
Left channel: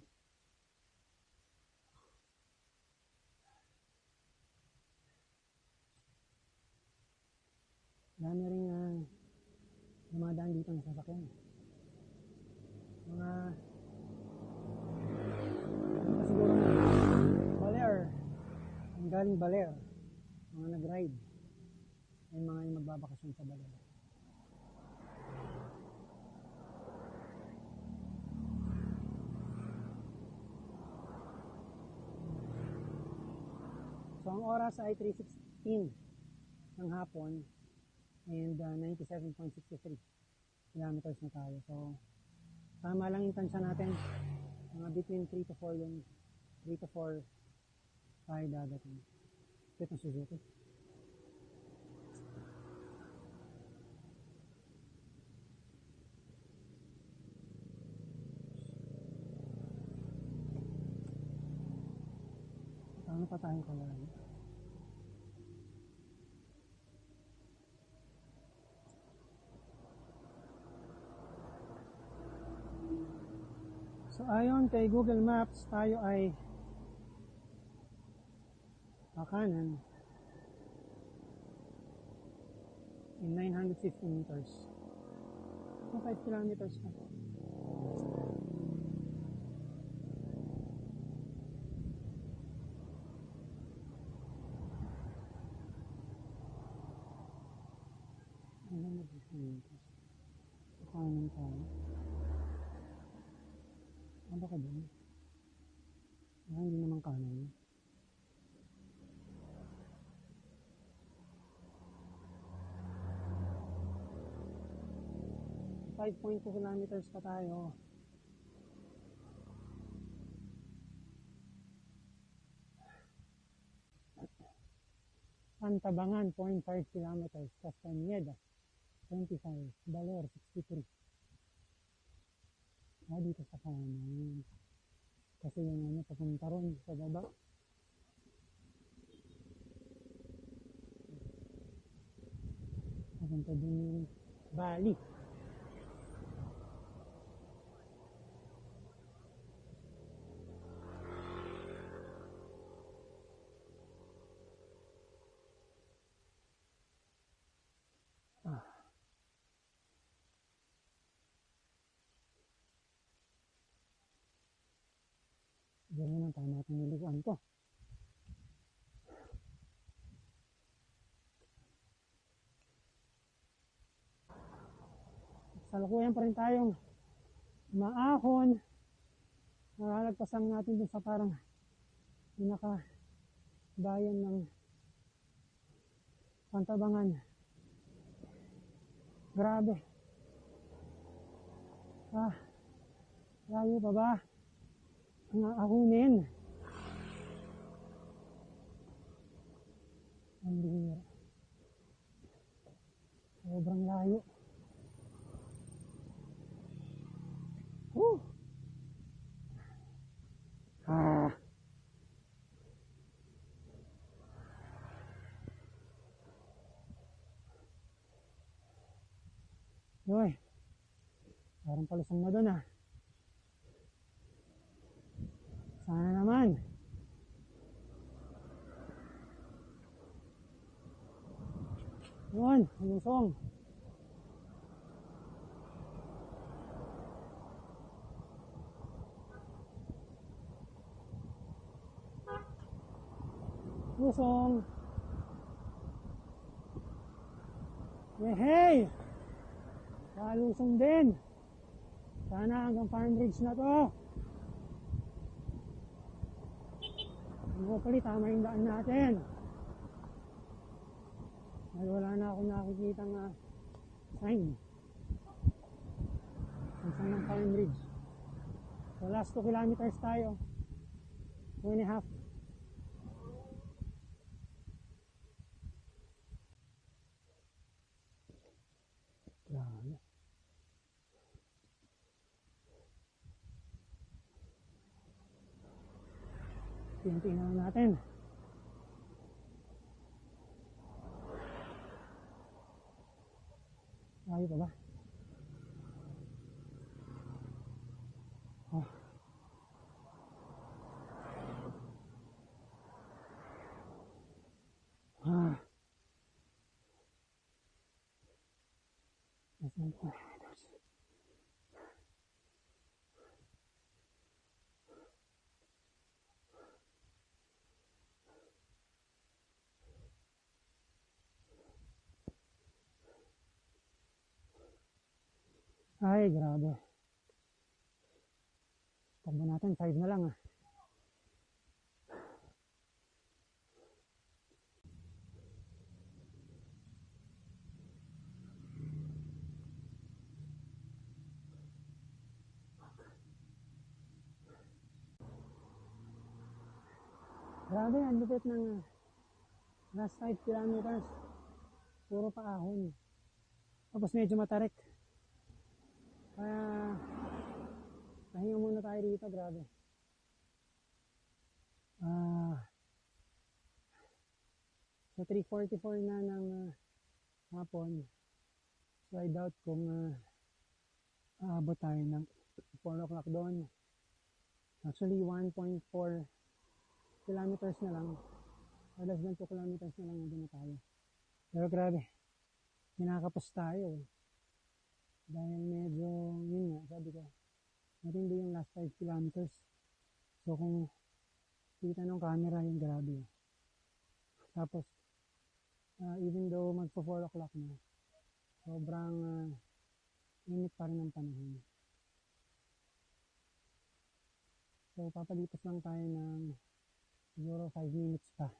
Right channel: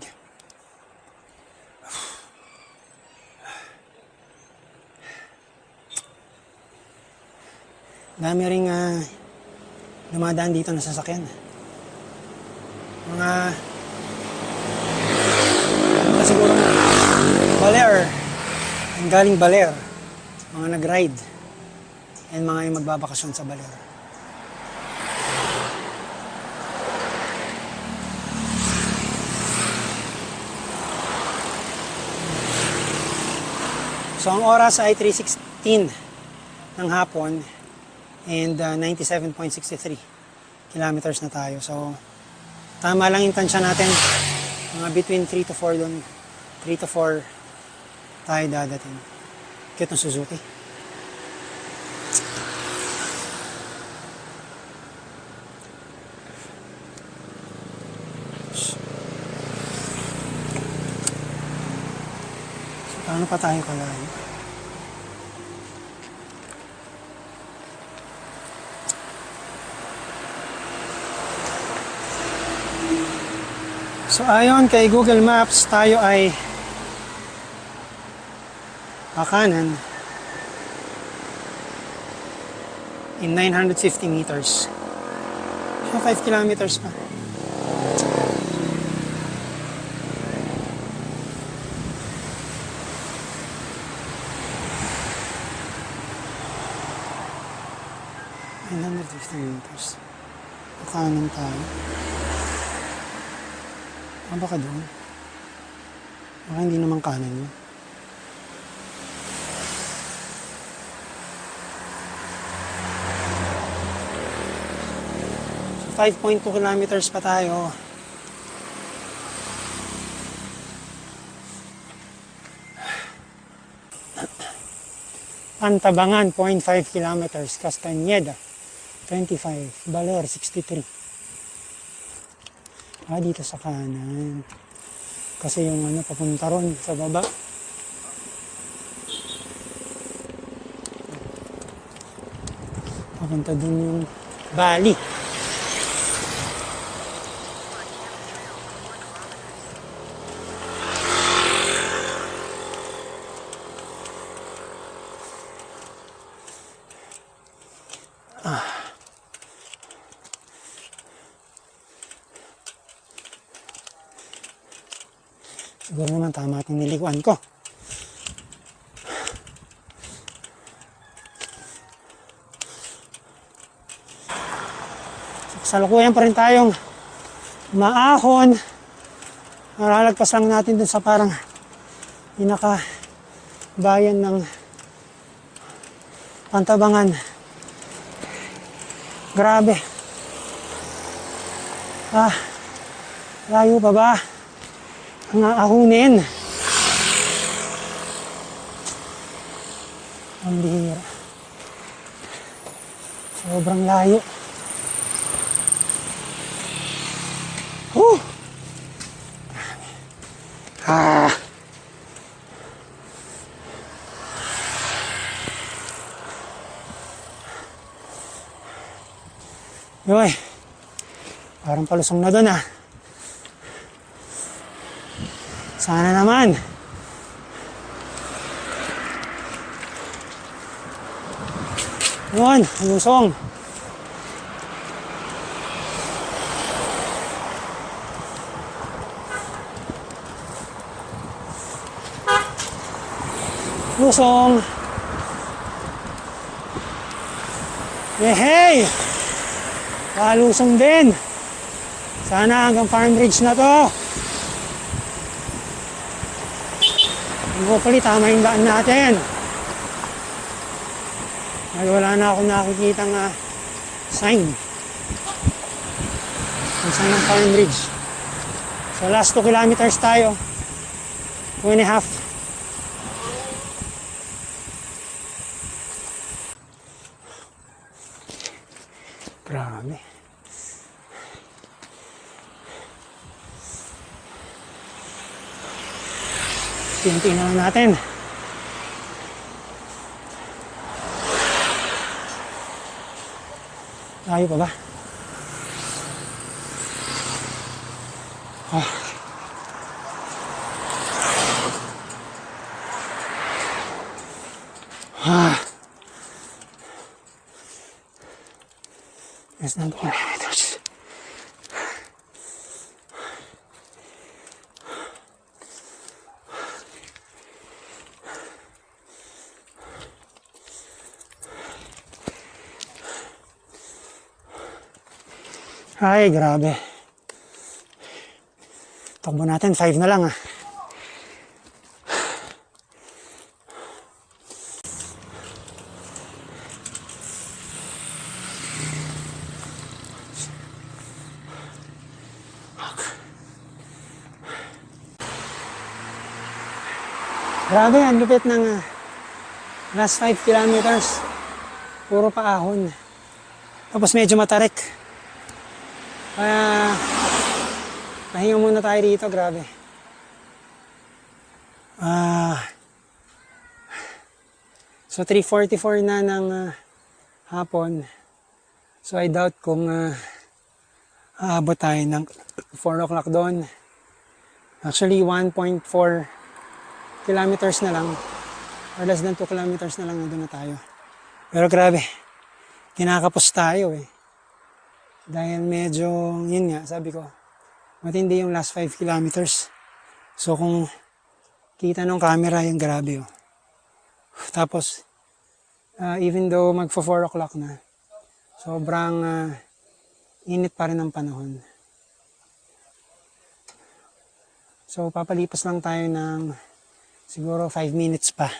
Dami ring dumadaan dito na sasakyan. Mga siguro Baler, ang galing Baler, mga nag-ride, and mga yung magbabakasyon sa Baler. So ang oras ay 3:16 ng hapon and 97.63 kilometers na tayo. So tama lang yung tansya natin, mga between 3 to 4 doon, 3 to 4 tayo dadating. Cute ng Suzuki. So paano pa tayo kalayo? So ayon kay Google Maps, tayo ay kanan in 950 meters. So 5 kilometers pa. Meters. Kanan tayo. Baka doon. Baka hindi naman kanan yun. So 5.2 kilometers pa tayo. Pantabangan, 0.5 kilometers. Castañeda, 25. Baler, 63. Dito sa kanan. Kasi yung papunta ron sa baba. Papunta dun yung Bali. Siguro naman tama at nilikuan ko. Salukuyan pa rin tayong maahon. Nalalagpas lang natin dun sa parang pinaka-bayan ng Pantabangan. Grabe. Layo pa ba? Ang aahunin. Ang bihira. Sobrang layo. Yoy, parang palusong na doon Sana naman. Yun, lusong. Lusong. Hey! Palusong din. Sana hanggang Farm Ridge na to. Hopefully tama yung daan natin. Dahil wala na akong nakikitang sign. Ang sign ng Farm Ridge. So last 2 kilometers tayo. 2.5. Grabe. Tintin na lang natin. Layo pa ba? Ah. Ah. Less than 2 kilometers. Ay, grabe. Takbo natin, 5 na lang Grabe, ang lupit ng last 5 kilometers. Puro paahon. Tapos medyo matarik. Kaya pahinga muna tayo dito, grabe. So 3:44 na ng hapon. So I doubt kung aabot tayo ng 4 o'clock doon. Actually 1.4 kilometers na lang. Or less than 2 kilometers na lang nandun na tayo. Pero grabe, kinakapos tayo eh. Dahil medyo, yun nga, sabi ko, matindi yung last 5 kilometers. So kung kita nung camera, yung grabe oh. Tapos, even though magpo 4 o'clock na, sobrang init pa rin ang panahon. So papalipas lang tayo ng siguro 5 minutes pa.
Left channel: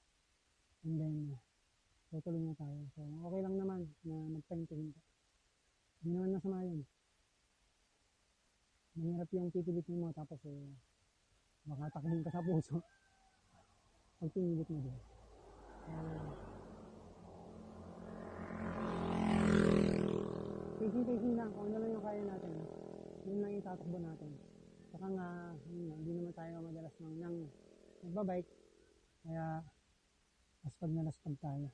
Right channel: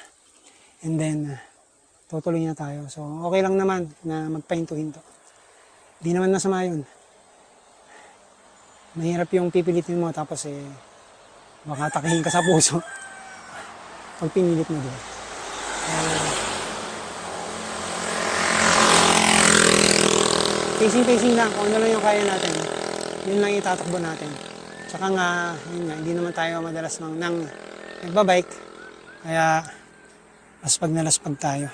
And then, tutuloy na tayo. So okay lang naman na magpahinto-hinto. Di naman masama yun. Mahirap yung pipilitin mo tapos baka takihin ka sa puso pag pinilit mo doon. Pacing lang, kung ano lang yung kaya natin, yun lang itatakbo natin. Tsaka nga, yun nga, hindi naman tayo madalas nang nagbabike, kaya laspag na laspag tayo.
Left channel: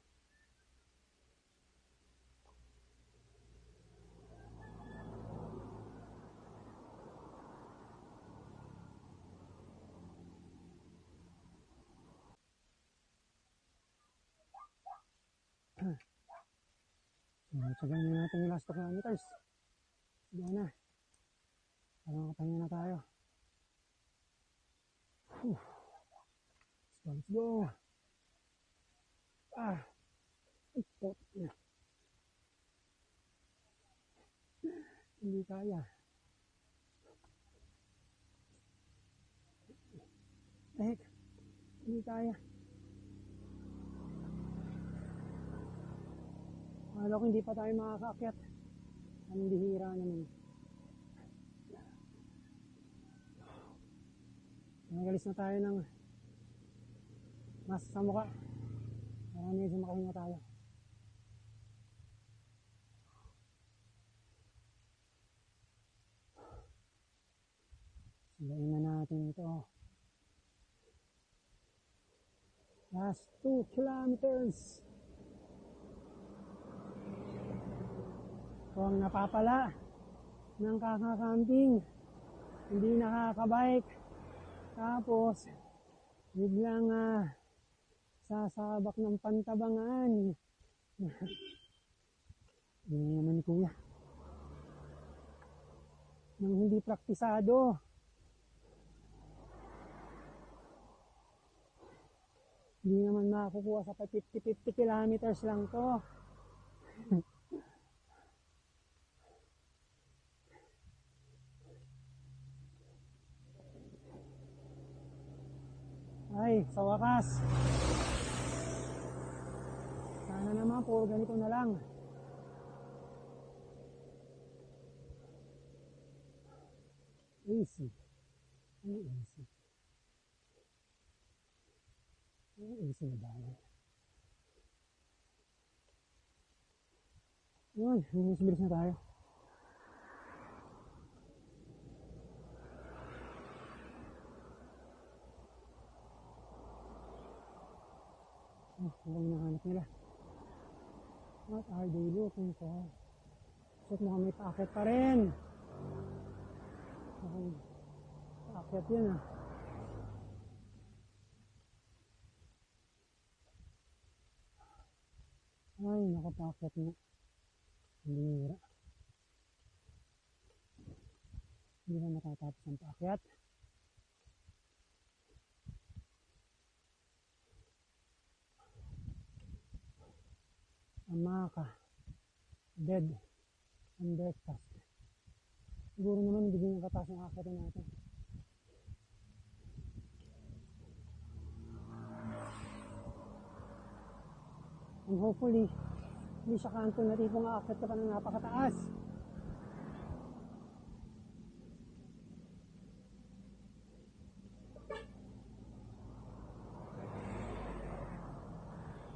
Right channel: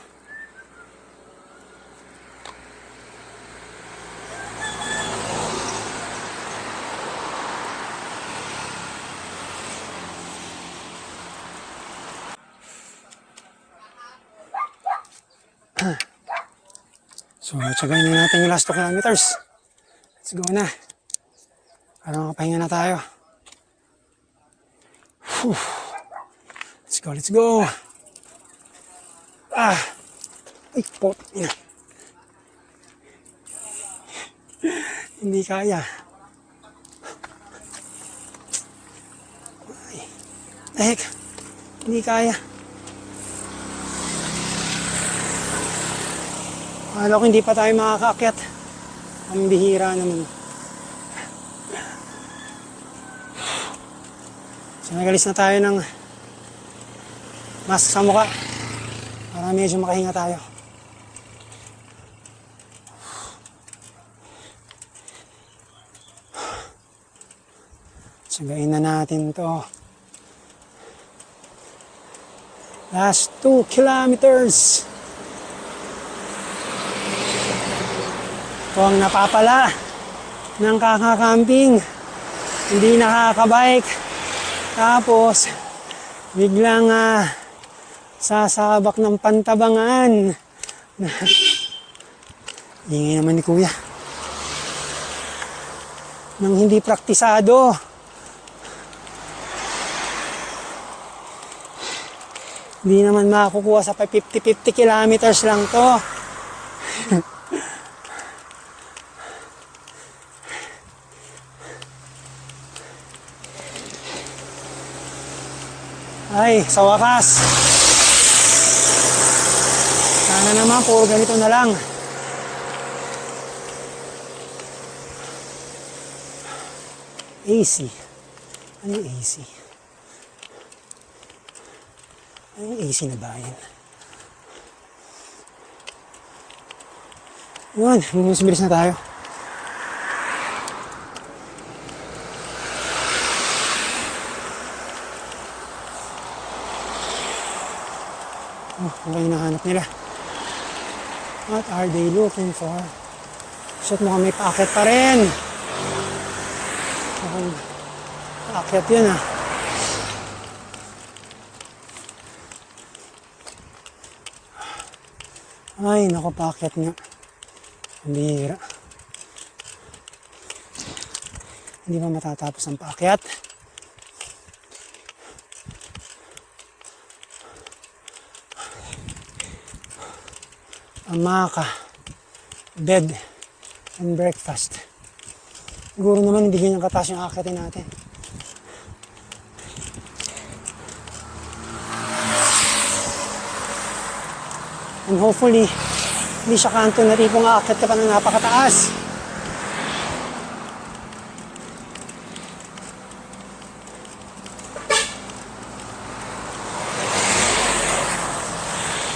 So, tsagayin na natin yung last 2 kilometers. Let's go na. Para makapahinga na tayo. Whew. Let's go. Ay, pot. Hindi kaya. Ay, hindi kaya. Akala ko hindi pa tayo makakaakyat. Ang bihira naman. So nagalis na tayo ng mask sa mukha para medyo makahinga tayo. Sagayin na natin to. Last 2 kilometers. Ito ang napapala ng kakakamping, hindi nakakabike, tapos biglang sasabak ng pantabangan. Ingay naman ni Kuya. Nang hindi praktisado. Hindi naman makakukuha sa 50-50 kilometers lang to. Ay, sa wakas. Sana naman po ganito na lang. AC. Ano yung AC? Ano yung AC na bayan? Yun, bilis na tayo. Oh, ano yung hinahanap nila? What are they looking for? Shit, mukhang may paakyat pa rin. Mukhang paakyat yun ah. Ay, naku, paakyat nga. Ang bihira. Hindi ba matatapos ang paakyat? Amaka, bed, and breakfast. Siguro naman hindi ganyan kataas yung akyatin natin. And hopefully, hindi siya kanto na tipong aakyat ka pa ng napakataas.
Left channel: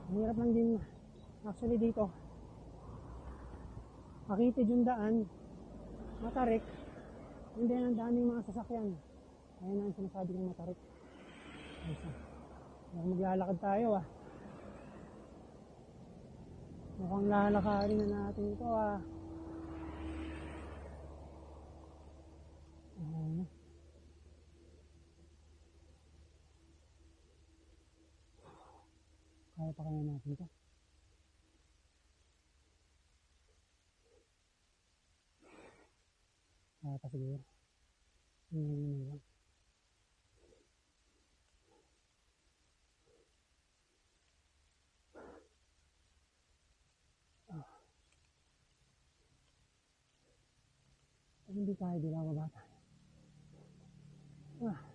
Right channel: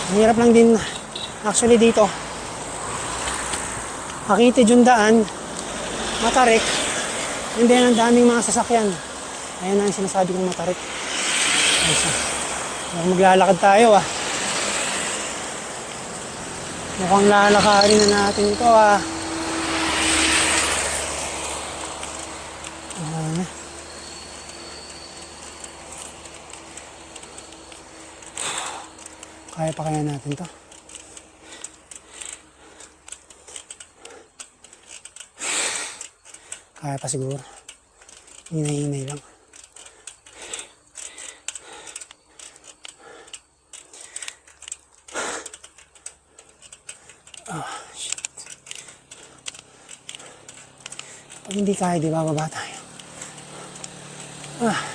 Ang hirap lang din actually dito. Makitid yung daan, matarik, and then ang daming mga sasakyan. Ayan na ang sinasabi kong matarik. Maglalakad tayo ah. Mukhang lalakarin na natin ito ah. Kaya pa kaya natin to? Kaya pa siguro. Hinay-hinay lang. Oh, shit. Pag hindi kaya, di bababa tayo. Ah.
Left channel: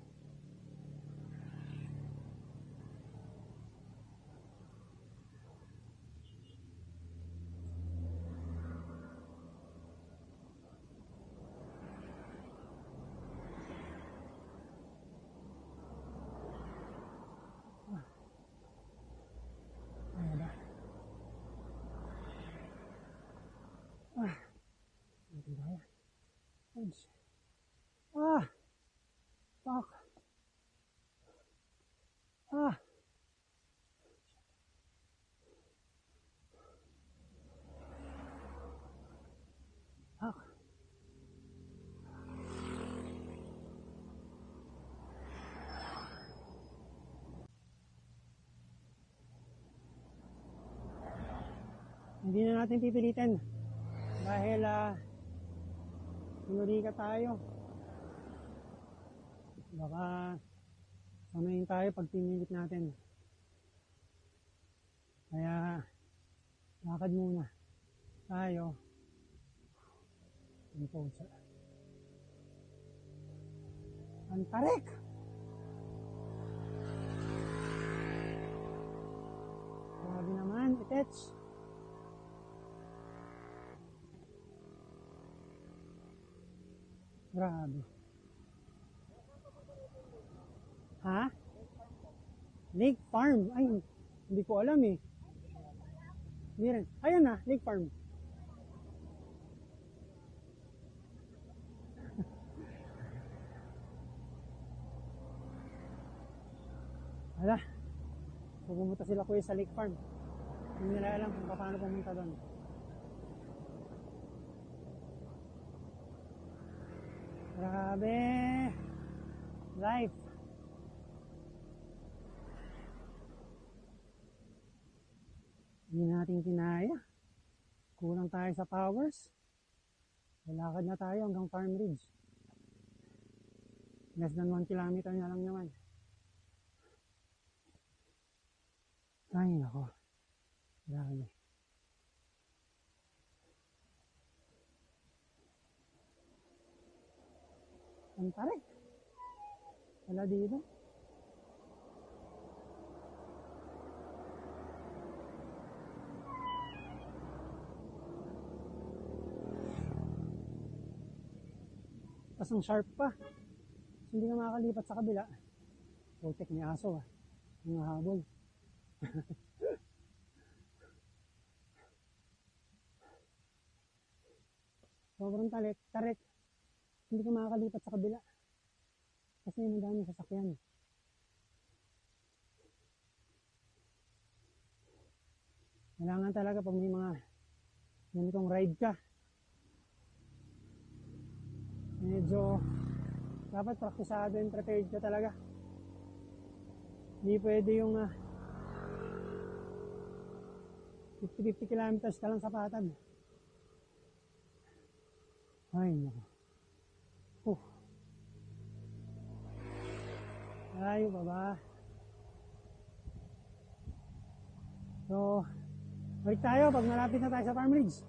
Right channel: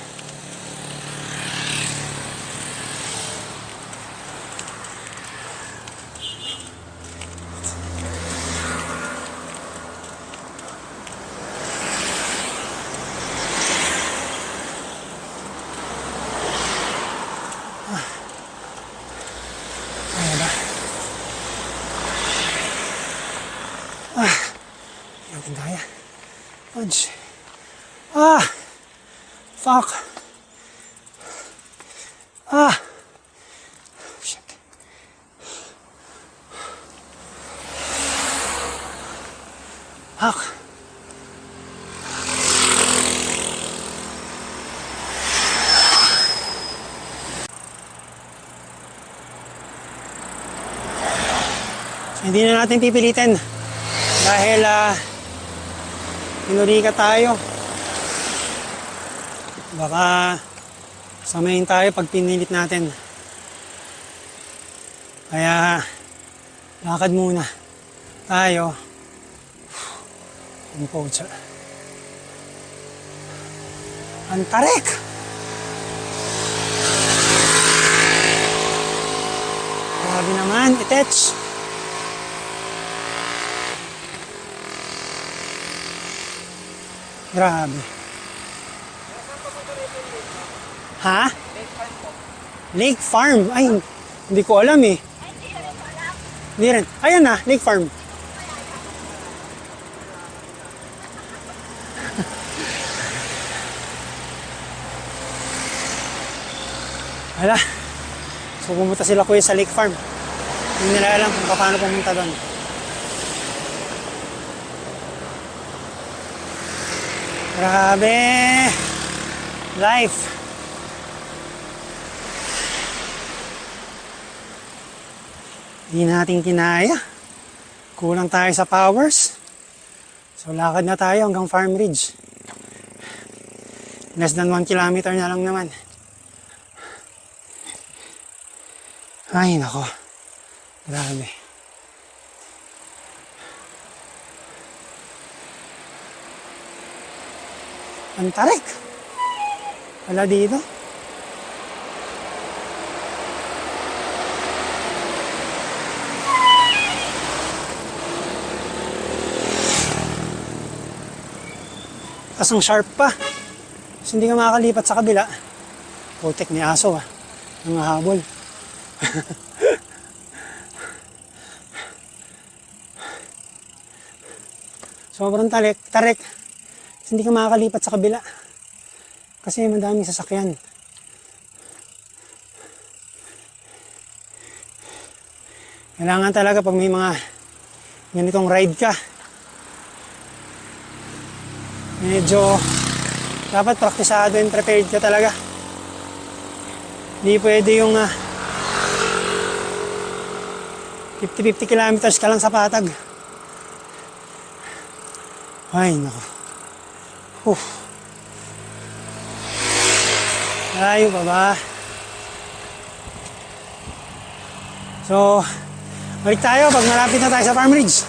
Natin kaya. Punch. Ah! Fuck! Ah! Shit. Fuck! Hindi na natin pipilitin dahil pinuri ka tayo. Baka samayin tayo pag pinilit natin. Kaya lakad muna tayo. Ang pocha. Ang tarik! Grabe naman, itech. Grabe. Ha? Lake Farm. Ay, hindi ko alam eh. Hindi rin. Ayan na, Lake Farm. Hala. So pumunta sila kuya sa Lake Farm. Hindi nila alam kung paano pumunta doon. Grabe! Life! Hindi natin kinaya. Kulang tayo sa powers. So lakad na tayo hanggang Farm Ridge. Less than 1 kilometer na lang naman. Ay nako. Grabe. Ang tarik. Wala dito. Tas ang sharp pa. So, hindi ka makakalipat sa kabila. Putek ni aso ah. Nangahabol. Sobrang tarik. So, hindi ka makakalipat sa kabila. Kasi madaming sasakyan. Kailangan talaga pag may mga ganitong ride ka, medyo dapat praktisado and prepared ka talaga. Hindi pwede yung 50-50 kilometers ka lang sa patag. Ay, nako. Layo pa ba? So, balik tayo pag malapit na tayo sa Farm Ridge.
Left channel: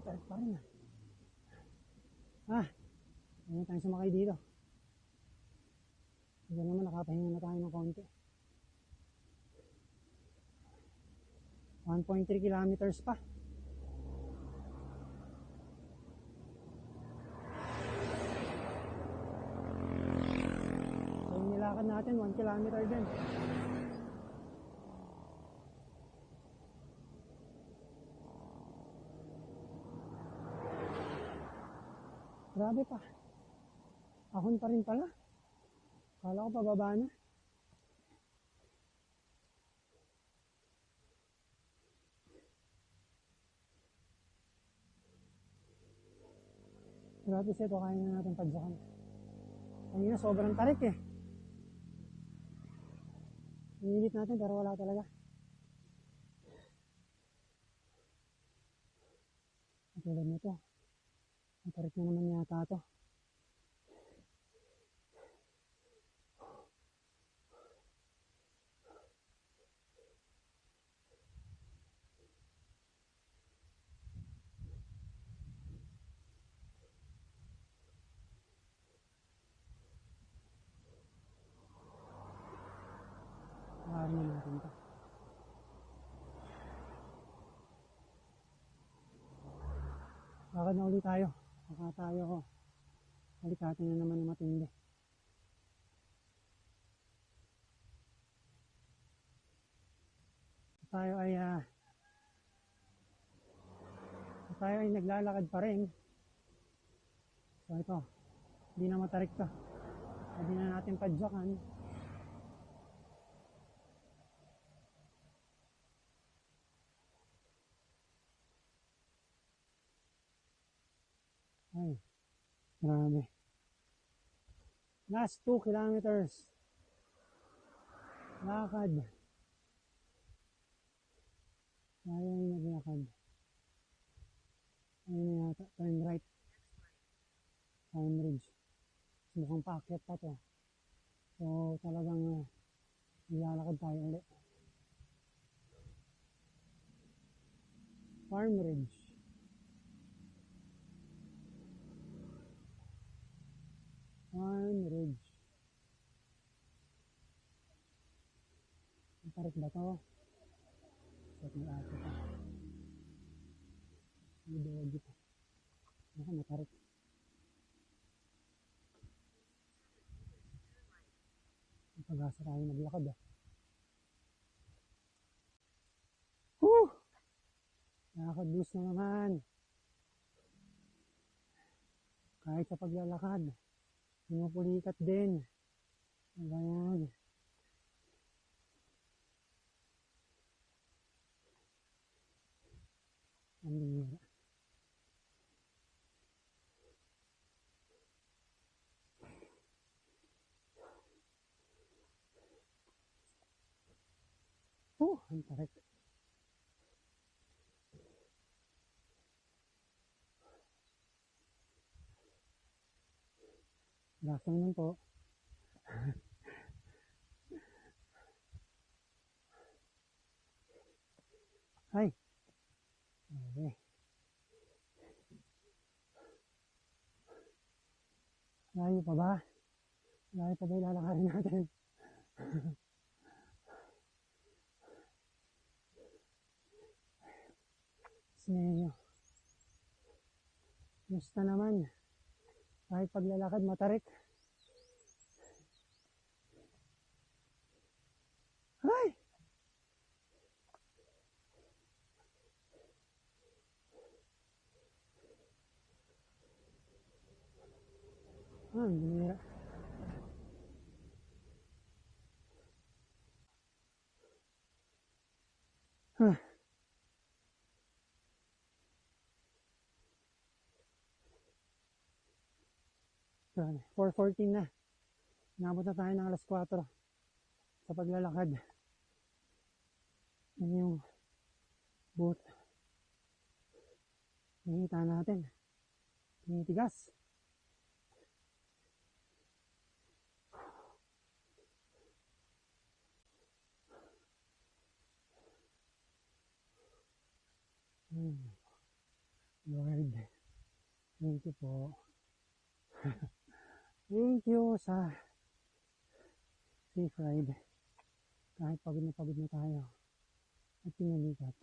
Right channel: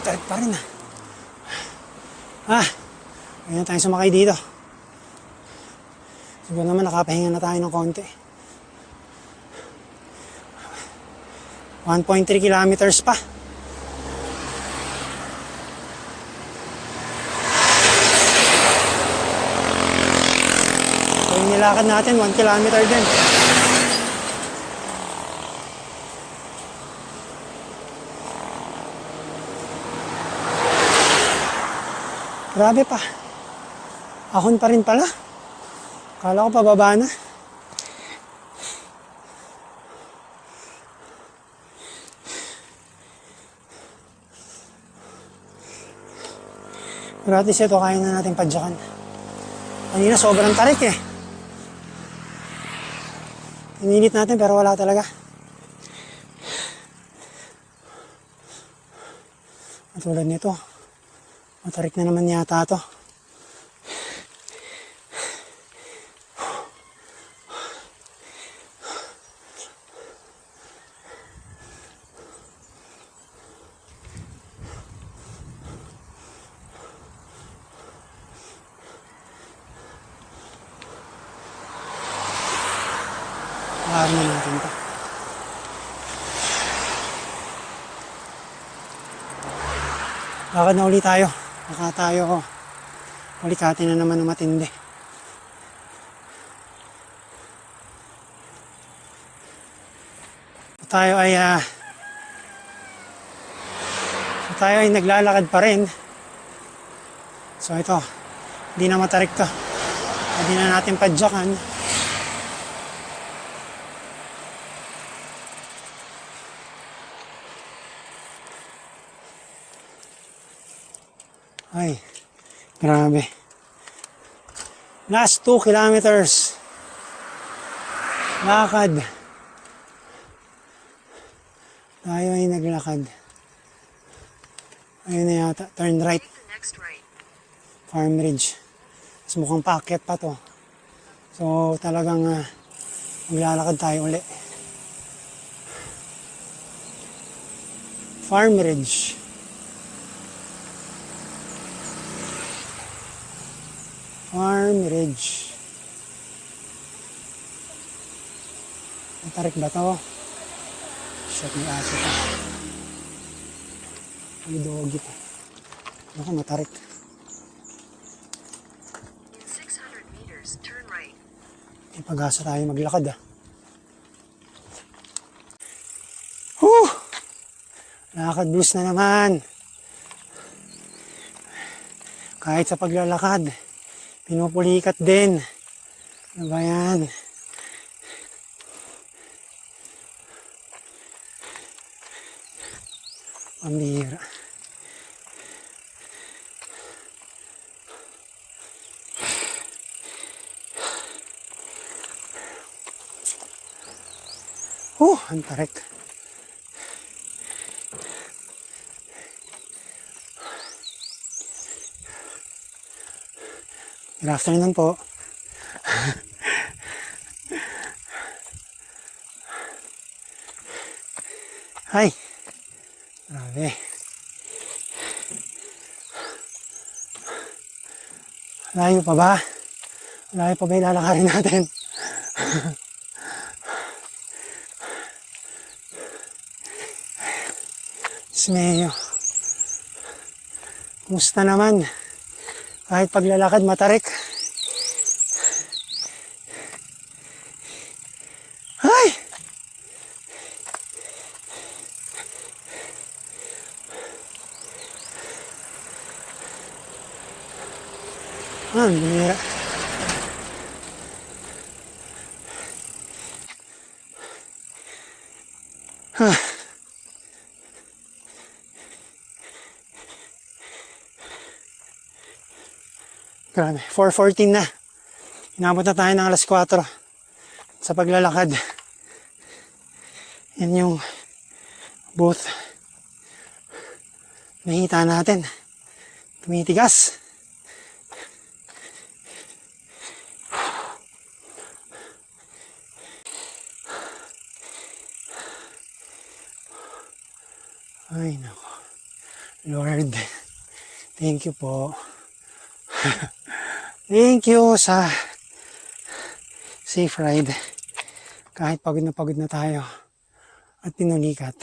Tarik pa rin Ayan tayo sumakay dito. Siguro naman nakapahinga na tayo ng konti. 1.3 kilometers pa. So yung nilakad natin 1 kilometer din. Grabe pa. Ahon pa rin pala. Akala ko pababa na. Gratis ito, kaya na natin padyakan. Kanina sobrang tarik eh. Inilit natin pero wala talaga. Matulad nito. Matarik na naman yata ito. Pakarin na natin ito. Lakad na ulit tayo. Baka tayo ulikatin na naman ng matindi. Tayo ay naglalakad pa rin. So ito, hindi na matarik to. Hindi na natin padyakan. Ay, grabe. Last 2 kilometers. Lakad. Tayo ay naglakad. Ayun na yata, turn right. Farm Ridge. Mas mukhang paakyat pa to. So talagang maglalakad tayo uli. Farm Ridge. Farm Ridge. Matarik ba to? Shot ni aso pa. May doggy pa. Baka matarik. In 600 meters, turn right. May pag-asa tayo maglakad Whew! Lakad blues na naman. Kahit sa paglalakad, pinupulikat din. Ano ba yan? Pambihira. Ang tarik. Good afternoon po. Hi. Grabe. Layo pa ba? Layo pa ba ilalakarin natin? Smeyo. Kumusta naman? Kahit paglalakad matarik. Ay! Ang bihira. Grabe, 4:14 na. Inabot na tayo ng alas 4 sa paglalakad. Yan yung booth. Nakita natin. Tumitigas. Ay, nako. Lord, thank you po. Thank you sa safe ride. Kahit pagod na tayo at pinulikat.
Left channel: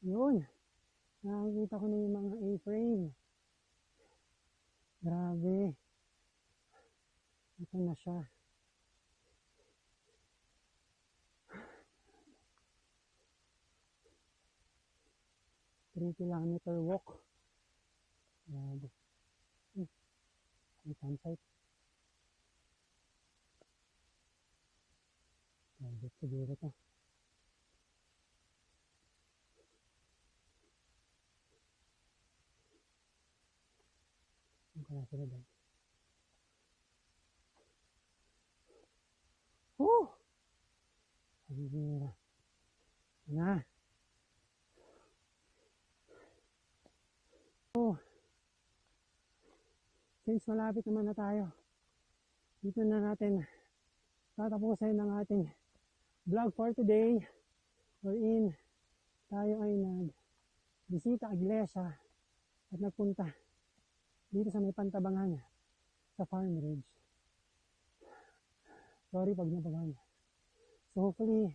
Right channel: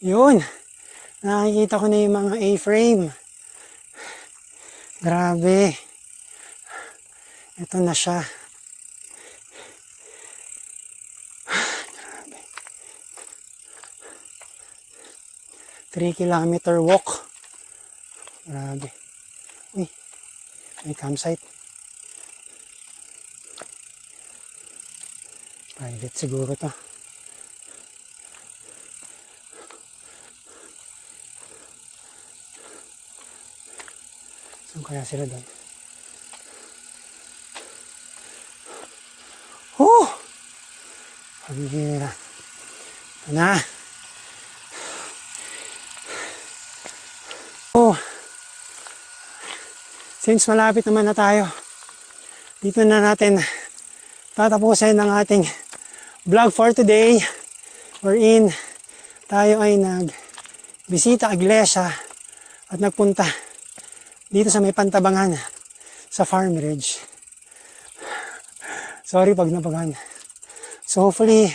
Yun, nakikita ko na yung mga A-frame. Grabe. Ito na siya. Grabe. 3-kilometer walk. Grabe. Uy, may campsite. Private siguro to. Saan kaya sila doon? Oh! Pamihira. Ito na. Oh! Since malapit naman na tayo, dito na natin tatapusin ang ating vlog for today. Wherein tayo ay nagbisita iglesia at nagpunta dito sa may Pantabangan sa Farm Ridge. Sorry pag napagan. So hopefully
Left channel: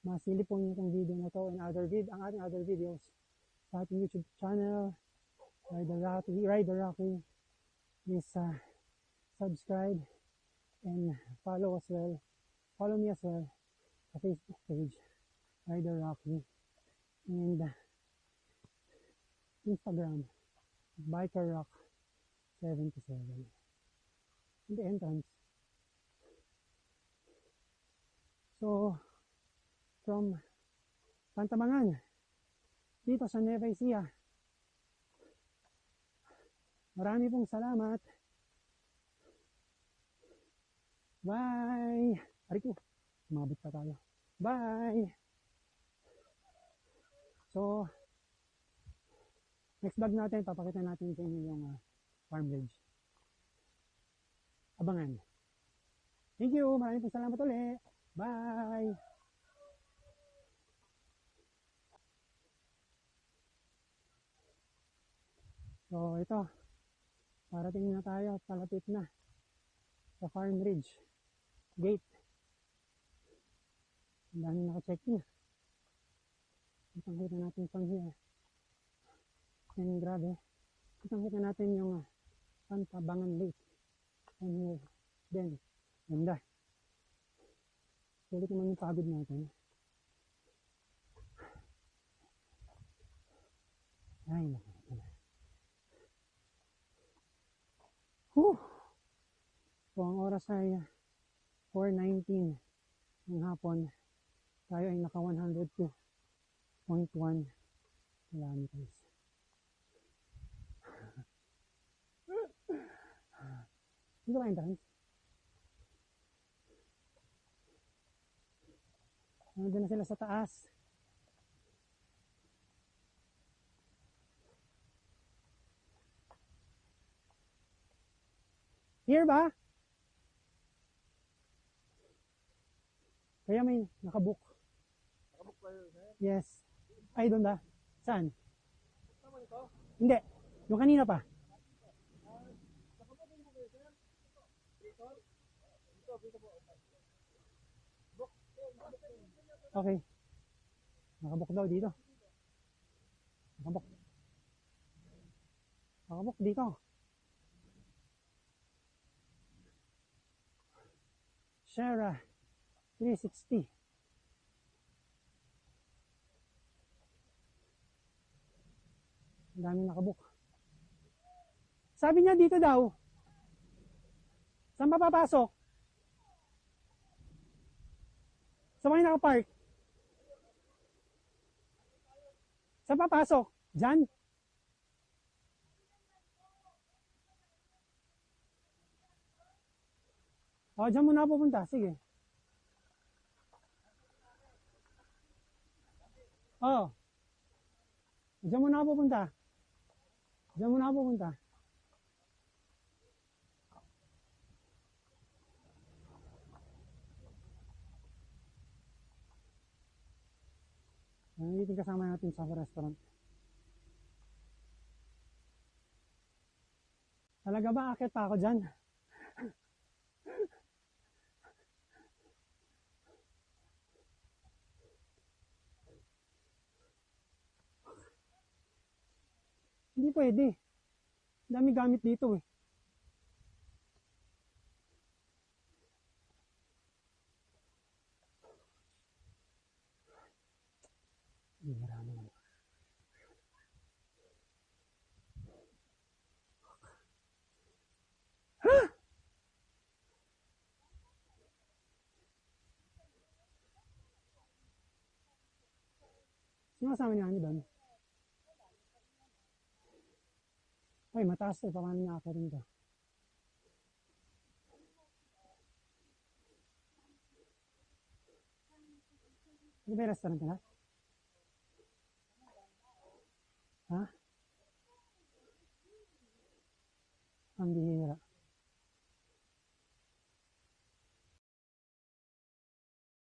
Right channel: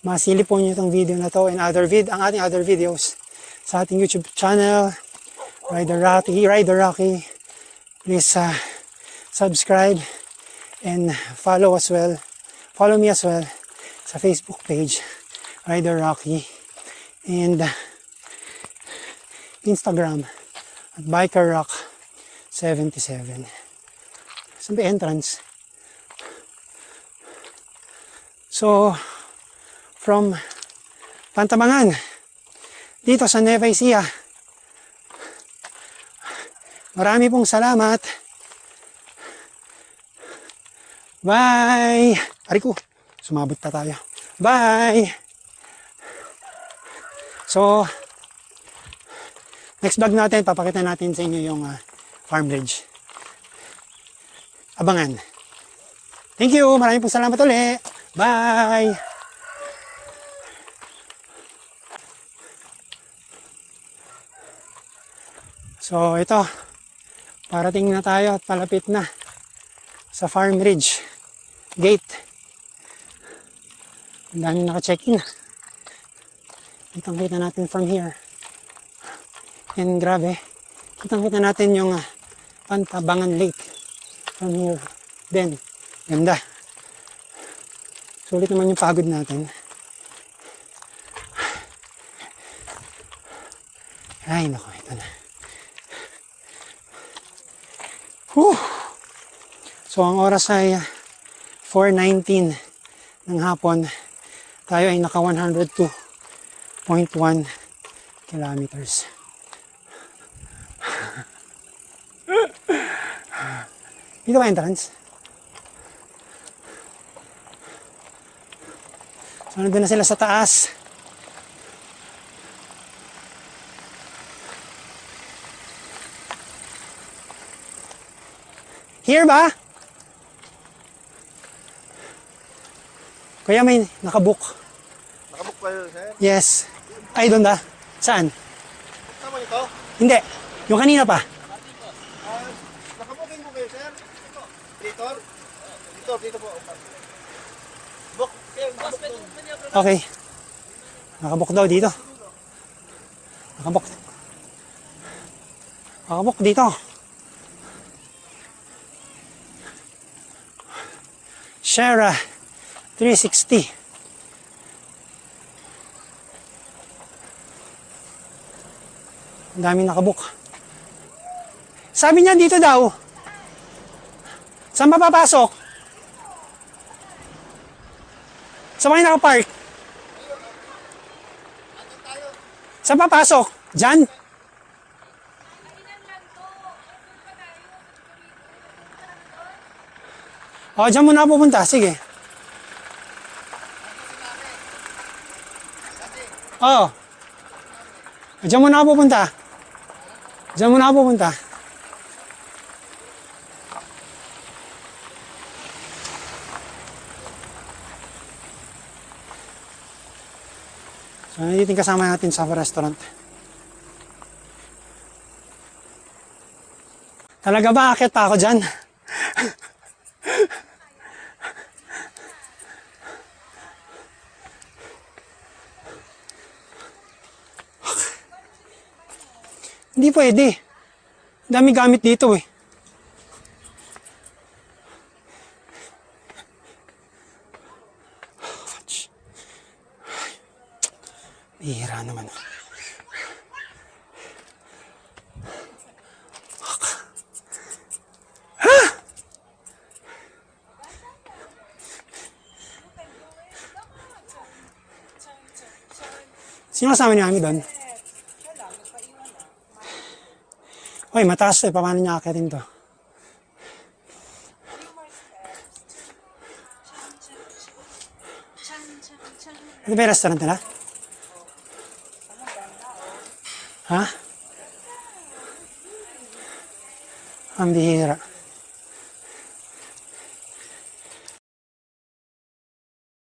masilip po nyo itong video na to and ang ating other videos sa ating YouTube channel, Rider Rocky. Please subscribe and follow me as well sa Facebook page, Rider Rocky, and Instagram at Biker Rock 77. Saan ba entrance? So, from Pantabangan, dito sa Nueva Ecija, marami pong salamat. Bye! Ari ko, sumabot na tayo. Bye! So, next vlog natin, papakita natin sa inyo yung Farm Ridge. Abangan. Thank you! Maraming pong salamat ulit! Bye! So, ito. Parating na tayo at palapit na sa Farm Ridge Gate. Ang daming naka-check-in. Kitang-kita natin from here. And grabe, kitang-kita natin yung Pantabangan Lake from here. Then, ganda. Sulit naman yung pagod natin. Ay, naku, ito na. Whew. So, ang oras ay 4:19 ng hapon. Tayo ay naka 102.1 kilometers. Dito ba entrance? So, nandun na sila sa taas. Here ba? Kuya, may nakabook. Nakabook pa yun, sir? Yes. Ay, doon ba? Saan? Tama nito? Hindi. Yung kanina pa. Nakabooking po kayo, sir? Dito? Dito po. Book. Okay. Nakabook daw dito. Nakabook. Nakabook dito. Shara 360. Ang daming nakabook. Sabi niya dito daw. Saan ba papasok? Saan ba yung nakapark? Saan papasok? Diyan? O, diyan muna ako pupunta. Sige. Oo. Diyan muna ako pupunta. Diyan muna ako pupunta. So, nandito yung kasama natin sa restaurant. Talaga ba? Akit pa ako dyan? Hindi pwede. Dami gamit dito eh. Hira naman. Sino kasama niya kami doon? Uy, mataas eh. Paano niya akitin to? Ito ba yung restaurant nila? Ha? Ang bihira.